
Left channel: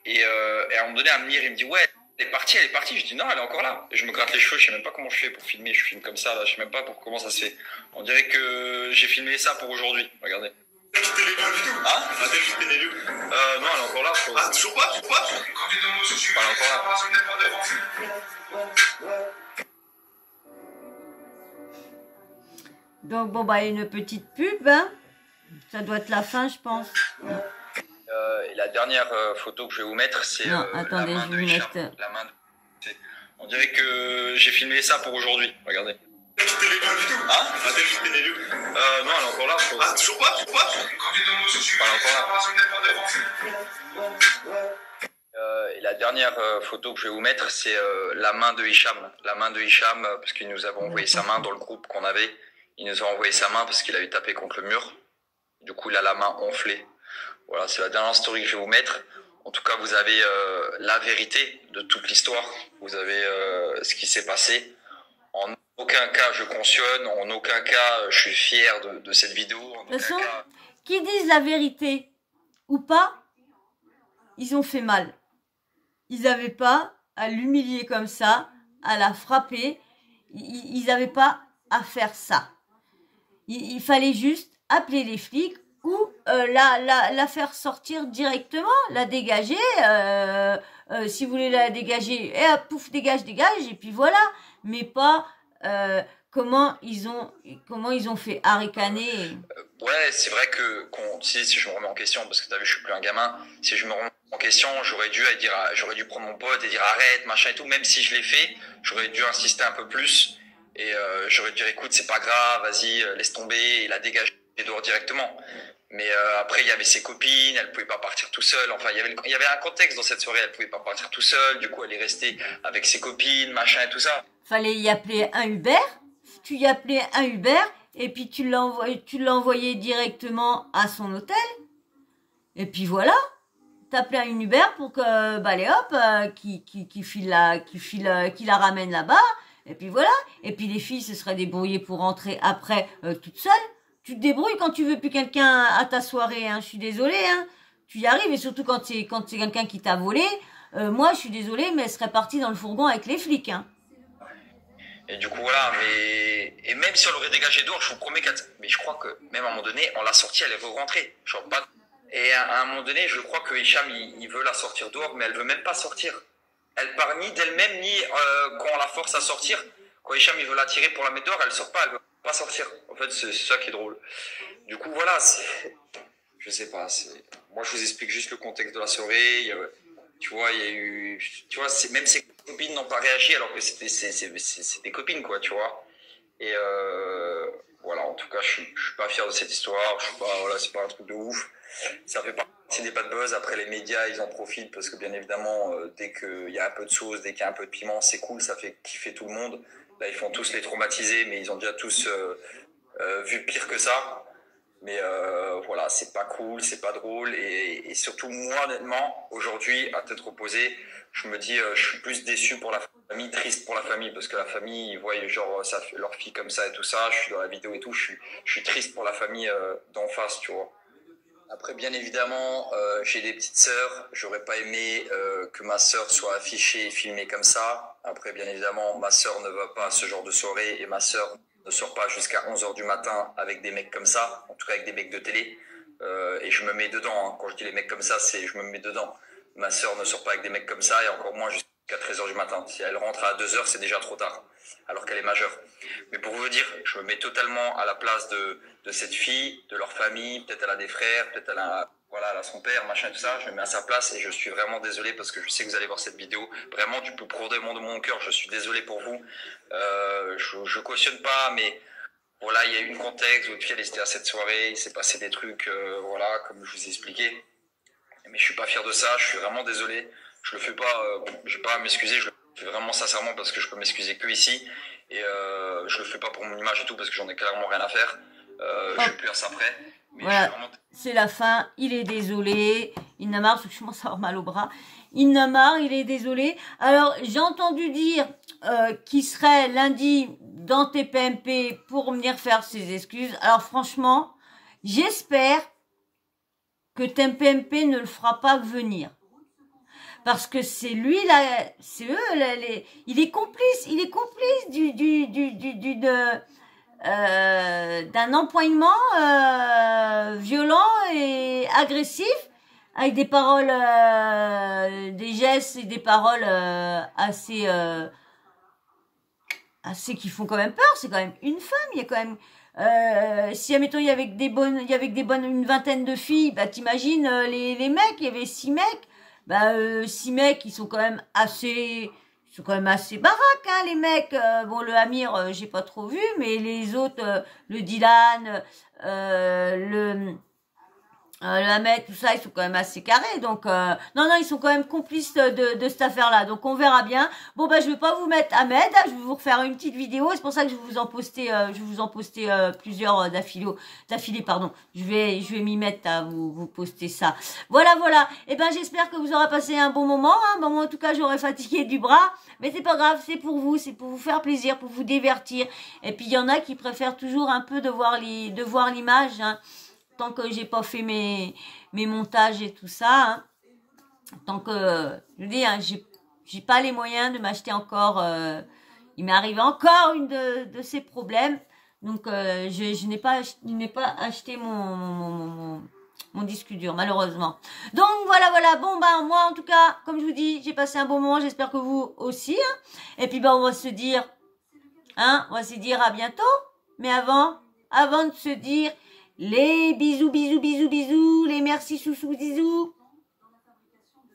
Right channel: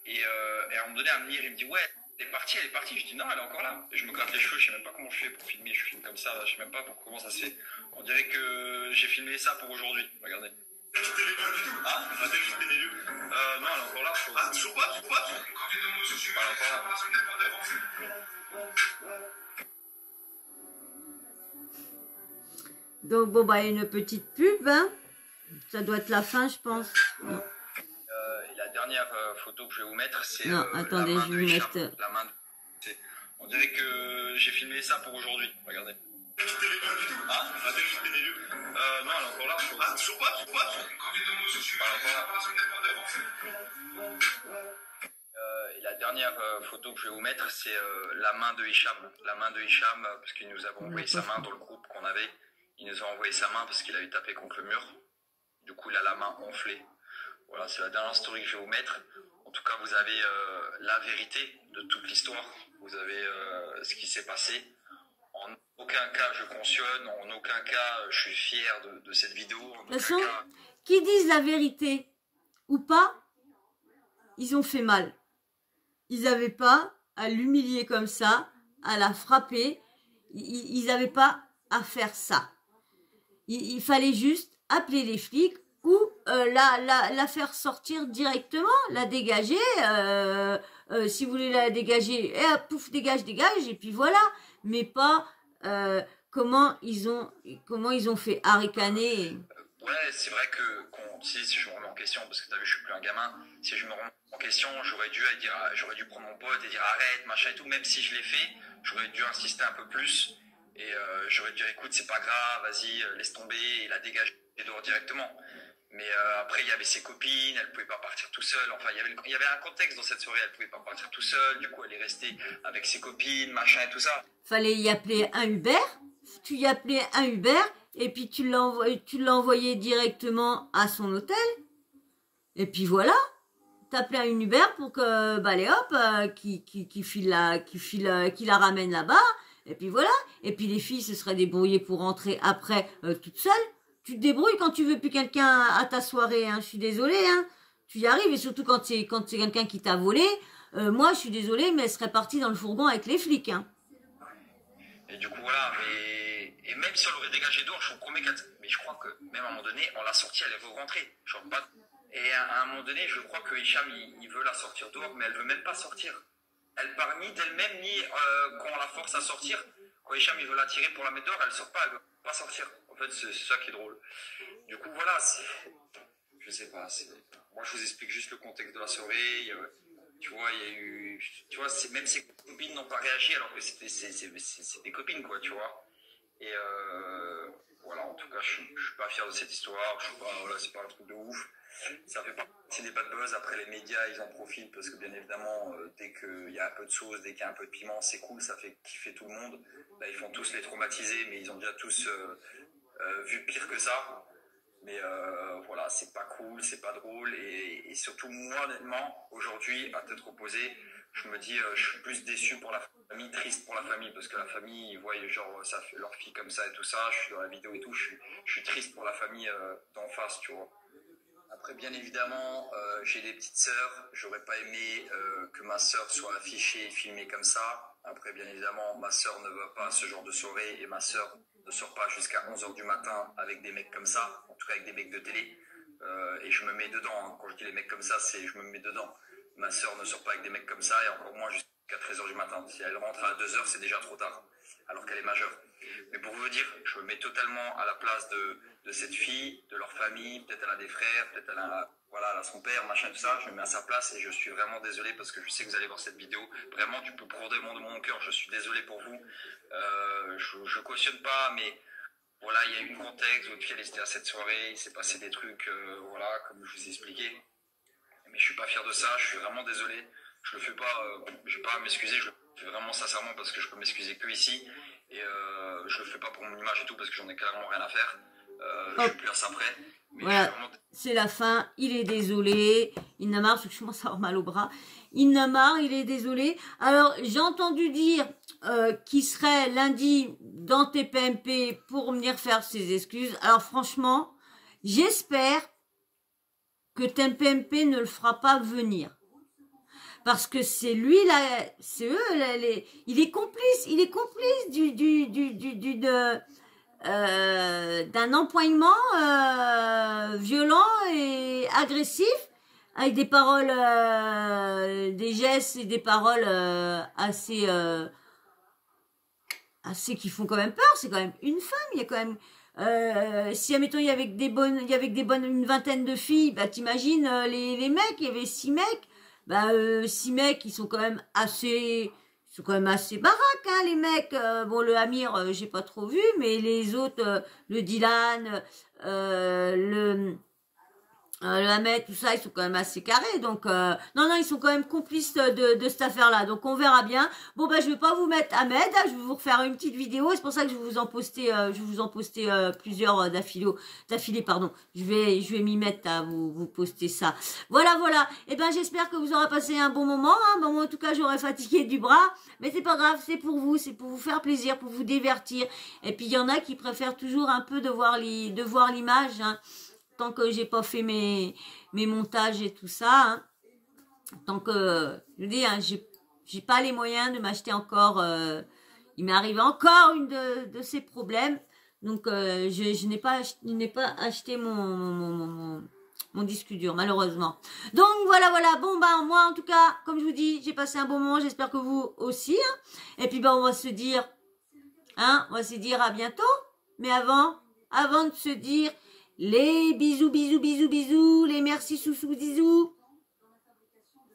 Et à un moment donné, Amir, il me dit, ouais, elle est partie. Je dis, non, elle est encore là. Et je me gratte les cheveux, je sais même pas comment je fais pour filmer, je filme comme ça, là, je sais même pas comment ça se fait. On dirait que j'ai filmé ça pour aujourd'hui, regardez. Hein? Non, elle est encore là. Ah, toujours pas? Elle est encore là. Donc, bon, bah, une petite pub, hein. Ça doit être la fin, je pense. Non. Et la dernière photo que je vais vous mettre, c'est non, attendez, la main je de vais Hicham. mettre... La main de... On dirait que j'ai filmé ça pour aujourd'hui, regardez. Hein? Non, elle est encore là. Ah, toujours pas? Elle est encore là. Et la dernière photo que je vais vous mettre, c'est la main de Hicham. La main de Hicham, parce qu'il nous avait envoyé sa main dans le groupe qu'on avait. Il nous a envoyé sa main parce qu'il avait tapé contre le mur. Du coup, il a la main enflée. Voilà, c'est la dernière story que je vais vous mettre. En tout cas, vous avez la vérité de toute l'histoire. Vous avez ce qui s'est passé. En aucun cas, je cautionne. En aucun cas, je suis fier de cette vidéo. De toute façon, qu'ils disent la vérité ou pas, ils ont fait mal. Ils n'avaient pas à l'humilier comme ça, à la frapper. Ils n'avaient pas à faire ça. Il fallait juste appeler les flics ou la faire sortir directement, la dégager. Si vous voulez la dégager, et pouf, dégage, et puis voilà. Mais pas comment ils ont fait haricaner. Ouais, c'est vrai que si je me remets en question, parce que t'as vu, je suis plus un gamin, si je me remets en question, j'aurais dû prendre mon pote et dire arrête, machin et tout, même si je l'ai fait, j'aurais dû insister un peu plus, et j'aurais dû dire écoute, c'est pas grave, vas-y, laisse tomber, et la dégager dehors directement. Mais après, il y avait ses copines, elle pouvait pas partir tout seule, enfin, il y avait un contexte dans cette soirée, elle pouvait pas partir tout seule, du coup, elle est restée avec ses copines, machin et tout ça. Fallait y appeler un Uber, tu y appelais un Uber, et puis tu l'as envoyé directement à son hôtel. Et puis voilà, t'appelais un Uber pour que, bah allez hop, qui la ramène là-bas. Et puis voilà. Et puis les filles se seraient débrouillées pour rentrer après toutes seules. Tu te débrouilles quand tu veux plus quelqu'un à ta soirée. Hein. Je suis désolée. Hein. Tu y arrives, et surtout quand c'est quelqu'un qui t'a volé. Moi, je suis désolée, mais elle serait partie dans le fourgon avec les flics. Hein. Et du coup, voilà, et même si on l'aurait dégagé dehors, je vous promets mais je crois que même à un moment donné, on l'a sortie, elle est re-rentrée. Genre, pas... Et à un moment donné, je crois que Hicham, il veut la sortir dehors, mais elle veut même pas sortir. Elle part ni d'elle-même, ni quand on la force à sortir. Quand Hicham, il veut la tirer pour la mettre dehors, elle sort pas, elle veut pas sortir. En fait, c'est ça qui est drôle. Du coup, voilà, je sais pas, moi, je vous explique juste le contexte de la soirée. Tu vois, il y a eu... Tu vois, même ses copines n'ont pas réagi alors que c'est des copines, quoi, tu vois. Et voilà, en tout cas, je suis pas fier de cette histoire. Je suis pas, voilà, c'est pas un truc de ouf. Ça fait partie des bad buzz. Après, les médias, ils en profitent parce que, bien évidemment, dès qu'il y a un peu de sauce, dès qu'il y a un peu de piment, c'est cool, ça fait kiffer tout le monde. Là, ils font tous les traumatiser, mais ils ont déjà tous vu pire que ça. Mais voilà, c'est pas cool, c'est pas drôle. Et surtout, moi, honnêtement, aujourd'hui, à tête reposée, je me dis, je suis plus déçu pour la famille, triste pour la famille, parce que la famille, ils voient genre leur fille comme ça et tout ça. Je suis dans la vidéo et tout, je suis triste pour la famille d'en face, tu vois. Après, bien évidemment, j'ai des petites sœurs. J'aurais pas aimé que ma sœur soit affichée et filmée comme ça. Après, bien évidemment, ma sœur ne va pas à ce genre de soirée et ma sœur ne sort pas jusqu'à 11h du matin avec des mecs comme ça, en tout cas avec des mecs de télé. Et je me mets dedans. Hein. Quand je dis les mecs comme ça, c'est je me mets dedans. Ma sœur ne sort pas avec des mecs comme ça et encore moins jusqu'à 13h du matin. Si elle rentre à 2h, c'est déjà trop tard, alors qu'elle est majeure. Mais pour vous dire, je me mets totalement à la place de cette fille, de leur famille. Peut-être elle a des frères, peut-être elle a, voilà, elle a son père, machin, tout ça. Je me mets à sa place et je suis vraiment désolé parce que je sais que vous allez voir cette vidéo. Vraiment, du plus profondément de mon cœur, je suis désolé pour vous. Je cautionne pas, mais voilà, il y a eu un contexte, votre fille elle était à cette soirée, il s'est passé des trucs, voilà, comme je vous ai expliqué. Mais je suis pas fier de ça, je suis vraiment désolé. Je le fais pas, je vais pas à m'excuser, je le fais vraiment sincèrement parce que je peux m'excuser que ici. Et je le fais pas pour mon image et tout parce que j'en ai clairement rien à faire. Je vais plus à ça après. Mais voilà, vraiment... c'est la fin. Il est désolé. Il n'a marre parce que je commence à avoir mal au bras. Il n'a marre, il est désolé. Alors, j'ai entendu dire qu'il serait lundi dans TPMP pour venir faire ses excuses. Alors, franchement, j'espère que TPMP ne le fera pas venir. Parce que c'est lui, là, c'est eux, là, il est complice d'un empoignement violent et agressif, avec des paroles, des gestes et des paroles assez qui font quand même peur. C'est quand même une femme, il y a quand même si admettons il y avait une vingtaine de filles, bah t'imagines les mecs, il y avait 6 mecs, bah 6 mecs ils sont quand même assez baraques, hein, les mecs. Bon, le Amir, j'ai pas trop vu, mais les autres, le Dylan, le Ahmed, tout ça, ils sont quand même assez carrés. Donc, non, ils sont quand même complices de cette affaire-là. Donc, on verra bien. Bon, bah, je vais pas vous mettre Ahmed. Je vais vous refaire une petite vidéo. C'est pour ça que je vais vous en poster, plusieurs d'affilée, pardon. Je vais m'y mettre à vous poster ça. Voilà. Et ben, j'espère que vous aurez passé un bon moment. Hein. Bon, moi, en tout cas, j'aurais fatigué du bras. Mais c'est pas grave. C'est pour vous faire plaisir, pour vous divertir. Et puis, il y en a qui préfèrent toujours un peu de voir l'image, hein. Tant que j'ai pas fait mes montages et tout ça, hein, tant que, je veux dire, hein, j'ai pas les moyens de m'acheter encore, il m'est arrivé encore une de ces problèmes, Donc, je n'ai pas acheté mon disque dur, malheureusement. Donc, voilà. Bon, ben, moi, en tout cas, comme je vous dis, j'ai passé un bon moment. J'espère que vous aussi. Hein. Et puis, ben, on va se dire à bientôt. Mais avant de se dire les bisous, les merci, sous bisous.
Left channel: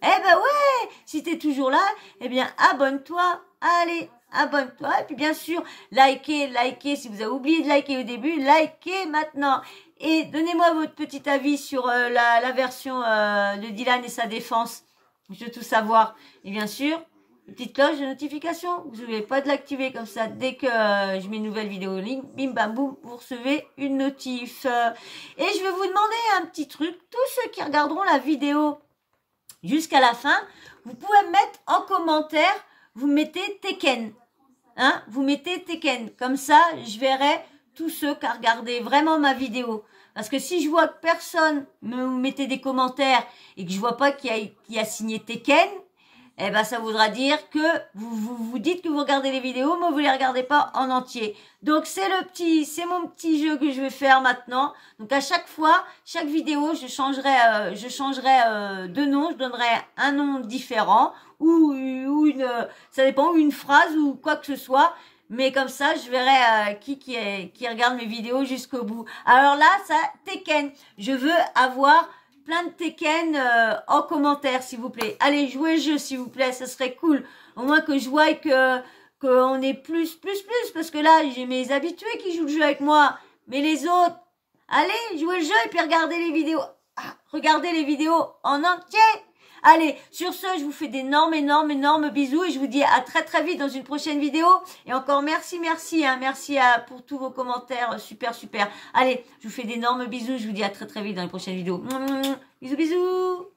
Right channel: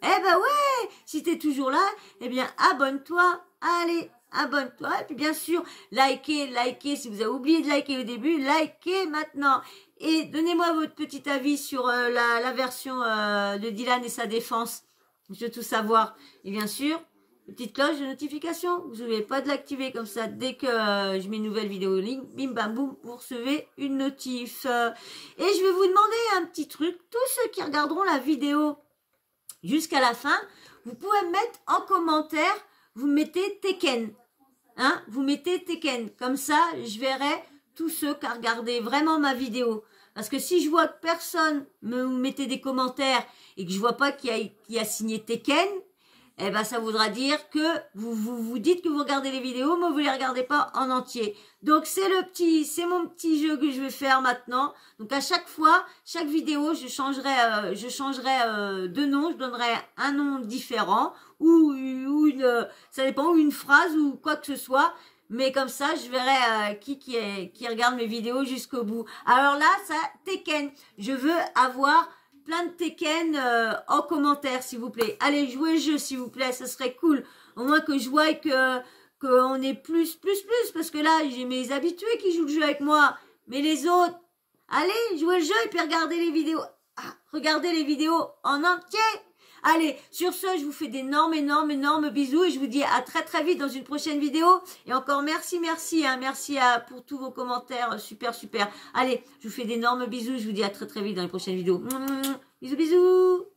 Eh ben ouais, si t'es toujours là, eh bien, abonne-toi. Allez, abonne-toi. Et puis, bien sûr, likez. Si vous avez oublié de liker au début, likez maintenant. Et donnez-moi votre petit avis sur la version de Dylan et sa défense. Je veux tout savoir. Et bien sûr, petite cloche de notification. Vous n'oubliez pas de l'activer comme ça. Dès que je mets une nouvelle vidéo en ligne, bim bam boum, vous recevez une notif. Et je vais vous demander un petit truc. Tous ceux qui regarderont la vidéo jusqu'à la fin, vous pouvez mettre en commentaire, vous mettez Tekken. Hein, vous mettez Tekken. Comme ça, je verrai tous ceux qui ont regardé vraiment ma vidéo. Parce que si je vois que personne me mettait des commentaires et que je vois pas qui a signé Tekken, eh ben ça voudra dire que vous dites que vous regardez les vidéos, mais vous les regardez pas en entier. Donc c'est mon petit jeu que je vais faire maintenant. Donc à chaque fois, chaque vidéo, je changerai de nom, je donnerai un nom différent ou ça dépend, ou une phrase ou quoi que ce soit. Mais comme ça, je verrai qui regarde mes vidéos jusqu'au bout. Alors là, ça Tekken. Je veux avoir plein de Tekken en commentaire, s'il vous plaît. Allez, jouez le jeu, s'il vous plaît, ça serait cool. Au moins que je vois qu'on est plus, parce que là, j'ai mes habitués qui jouent le jeu avec moi. Mais les autres, allez, jouez le jeu et puis regardez les vidéos. Regardez les vidéos en entier. Allez, sur ce, je vous fais d'énormes bisous et je vous dis à très vite dans une prochaine vidéo. Et encore merci, hein, merci pour tous vos commentaires, super. Allez, je vous fais d'énormes bisous, je vous dis à très vite dans une prochaine vidéo. Bisous.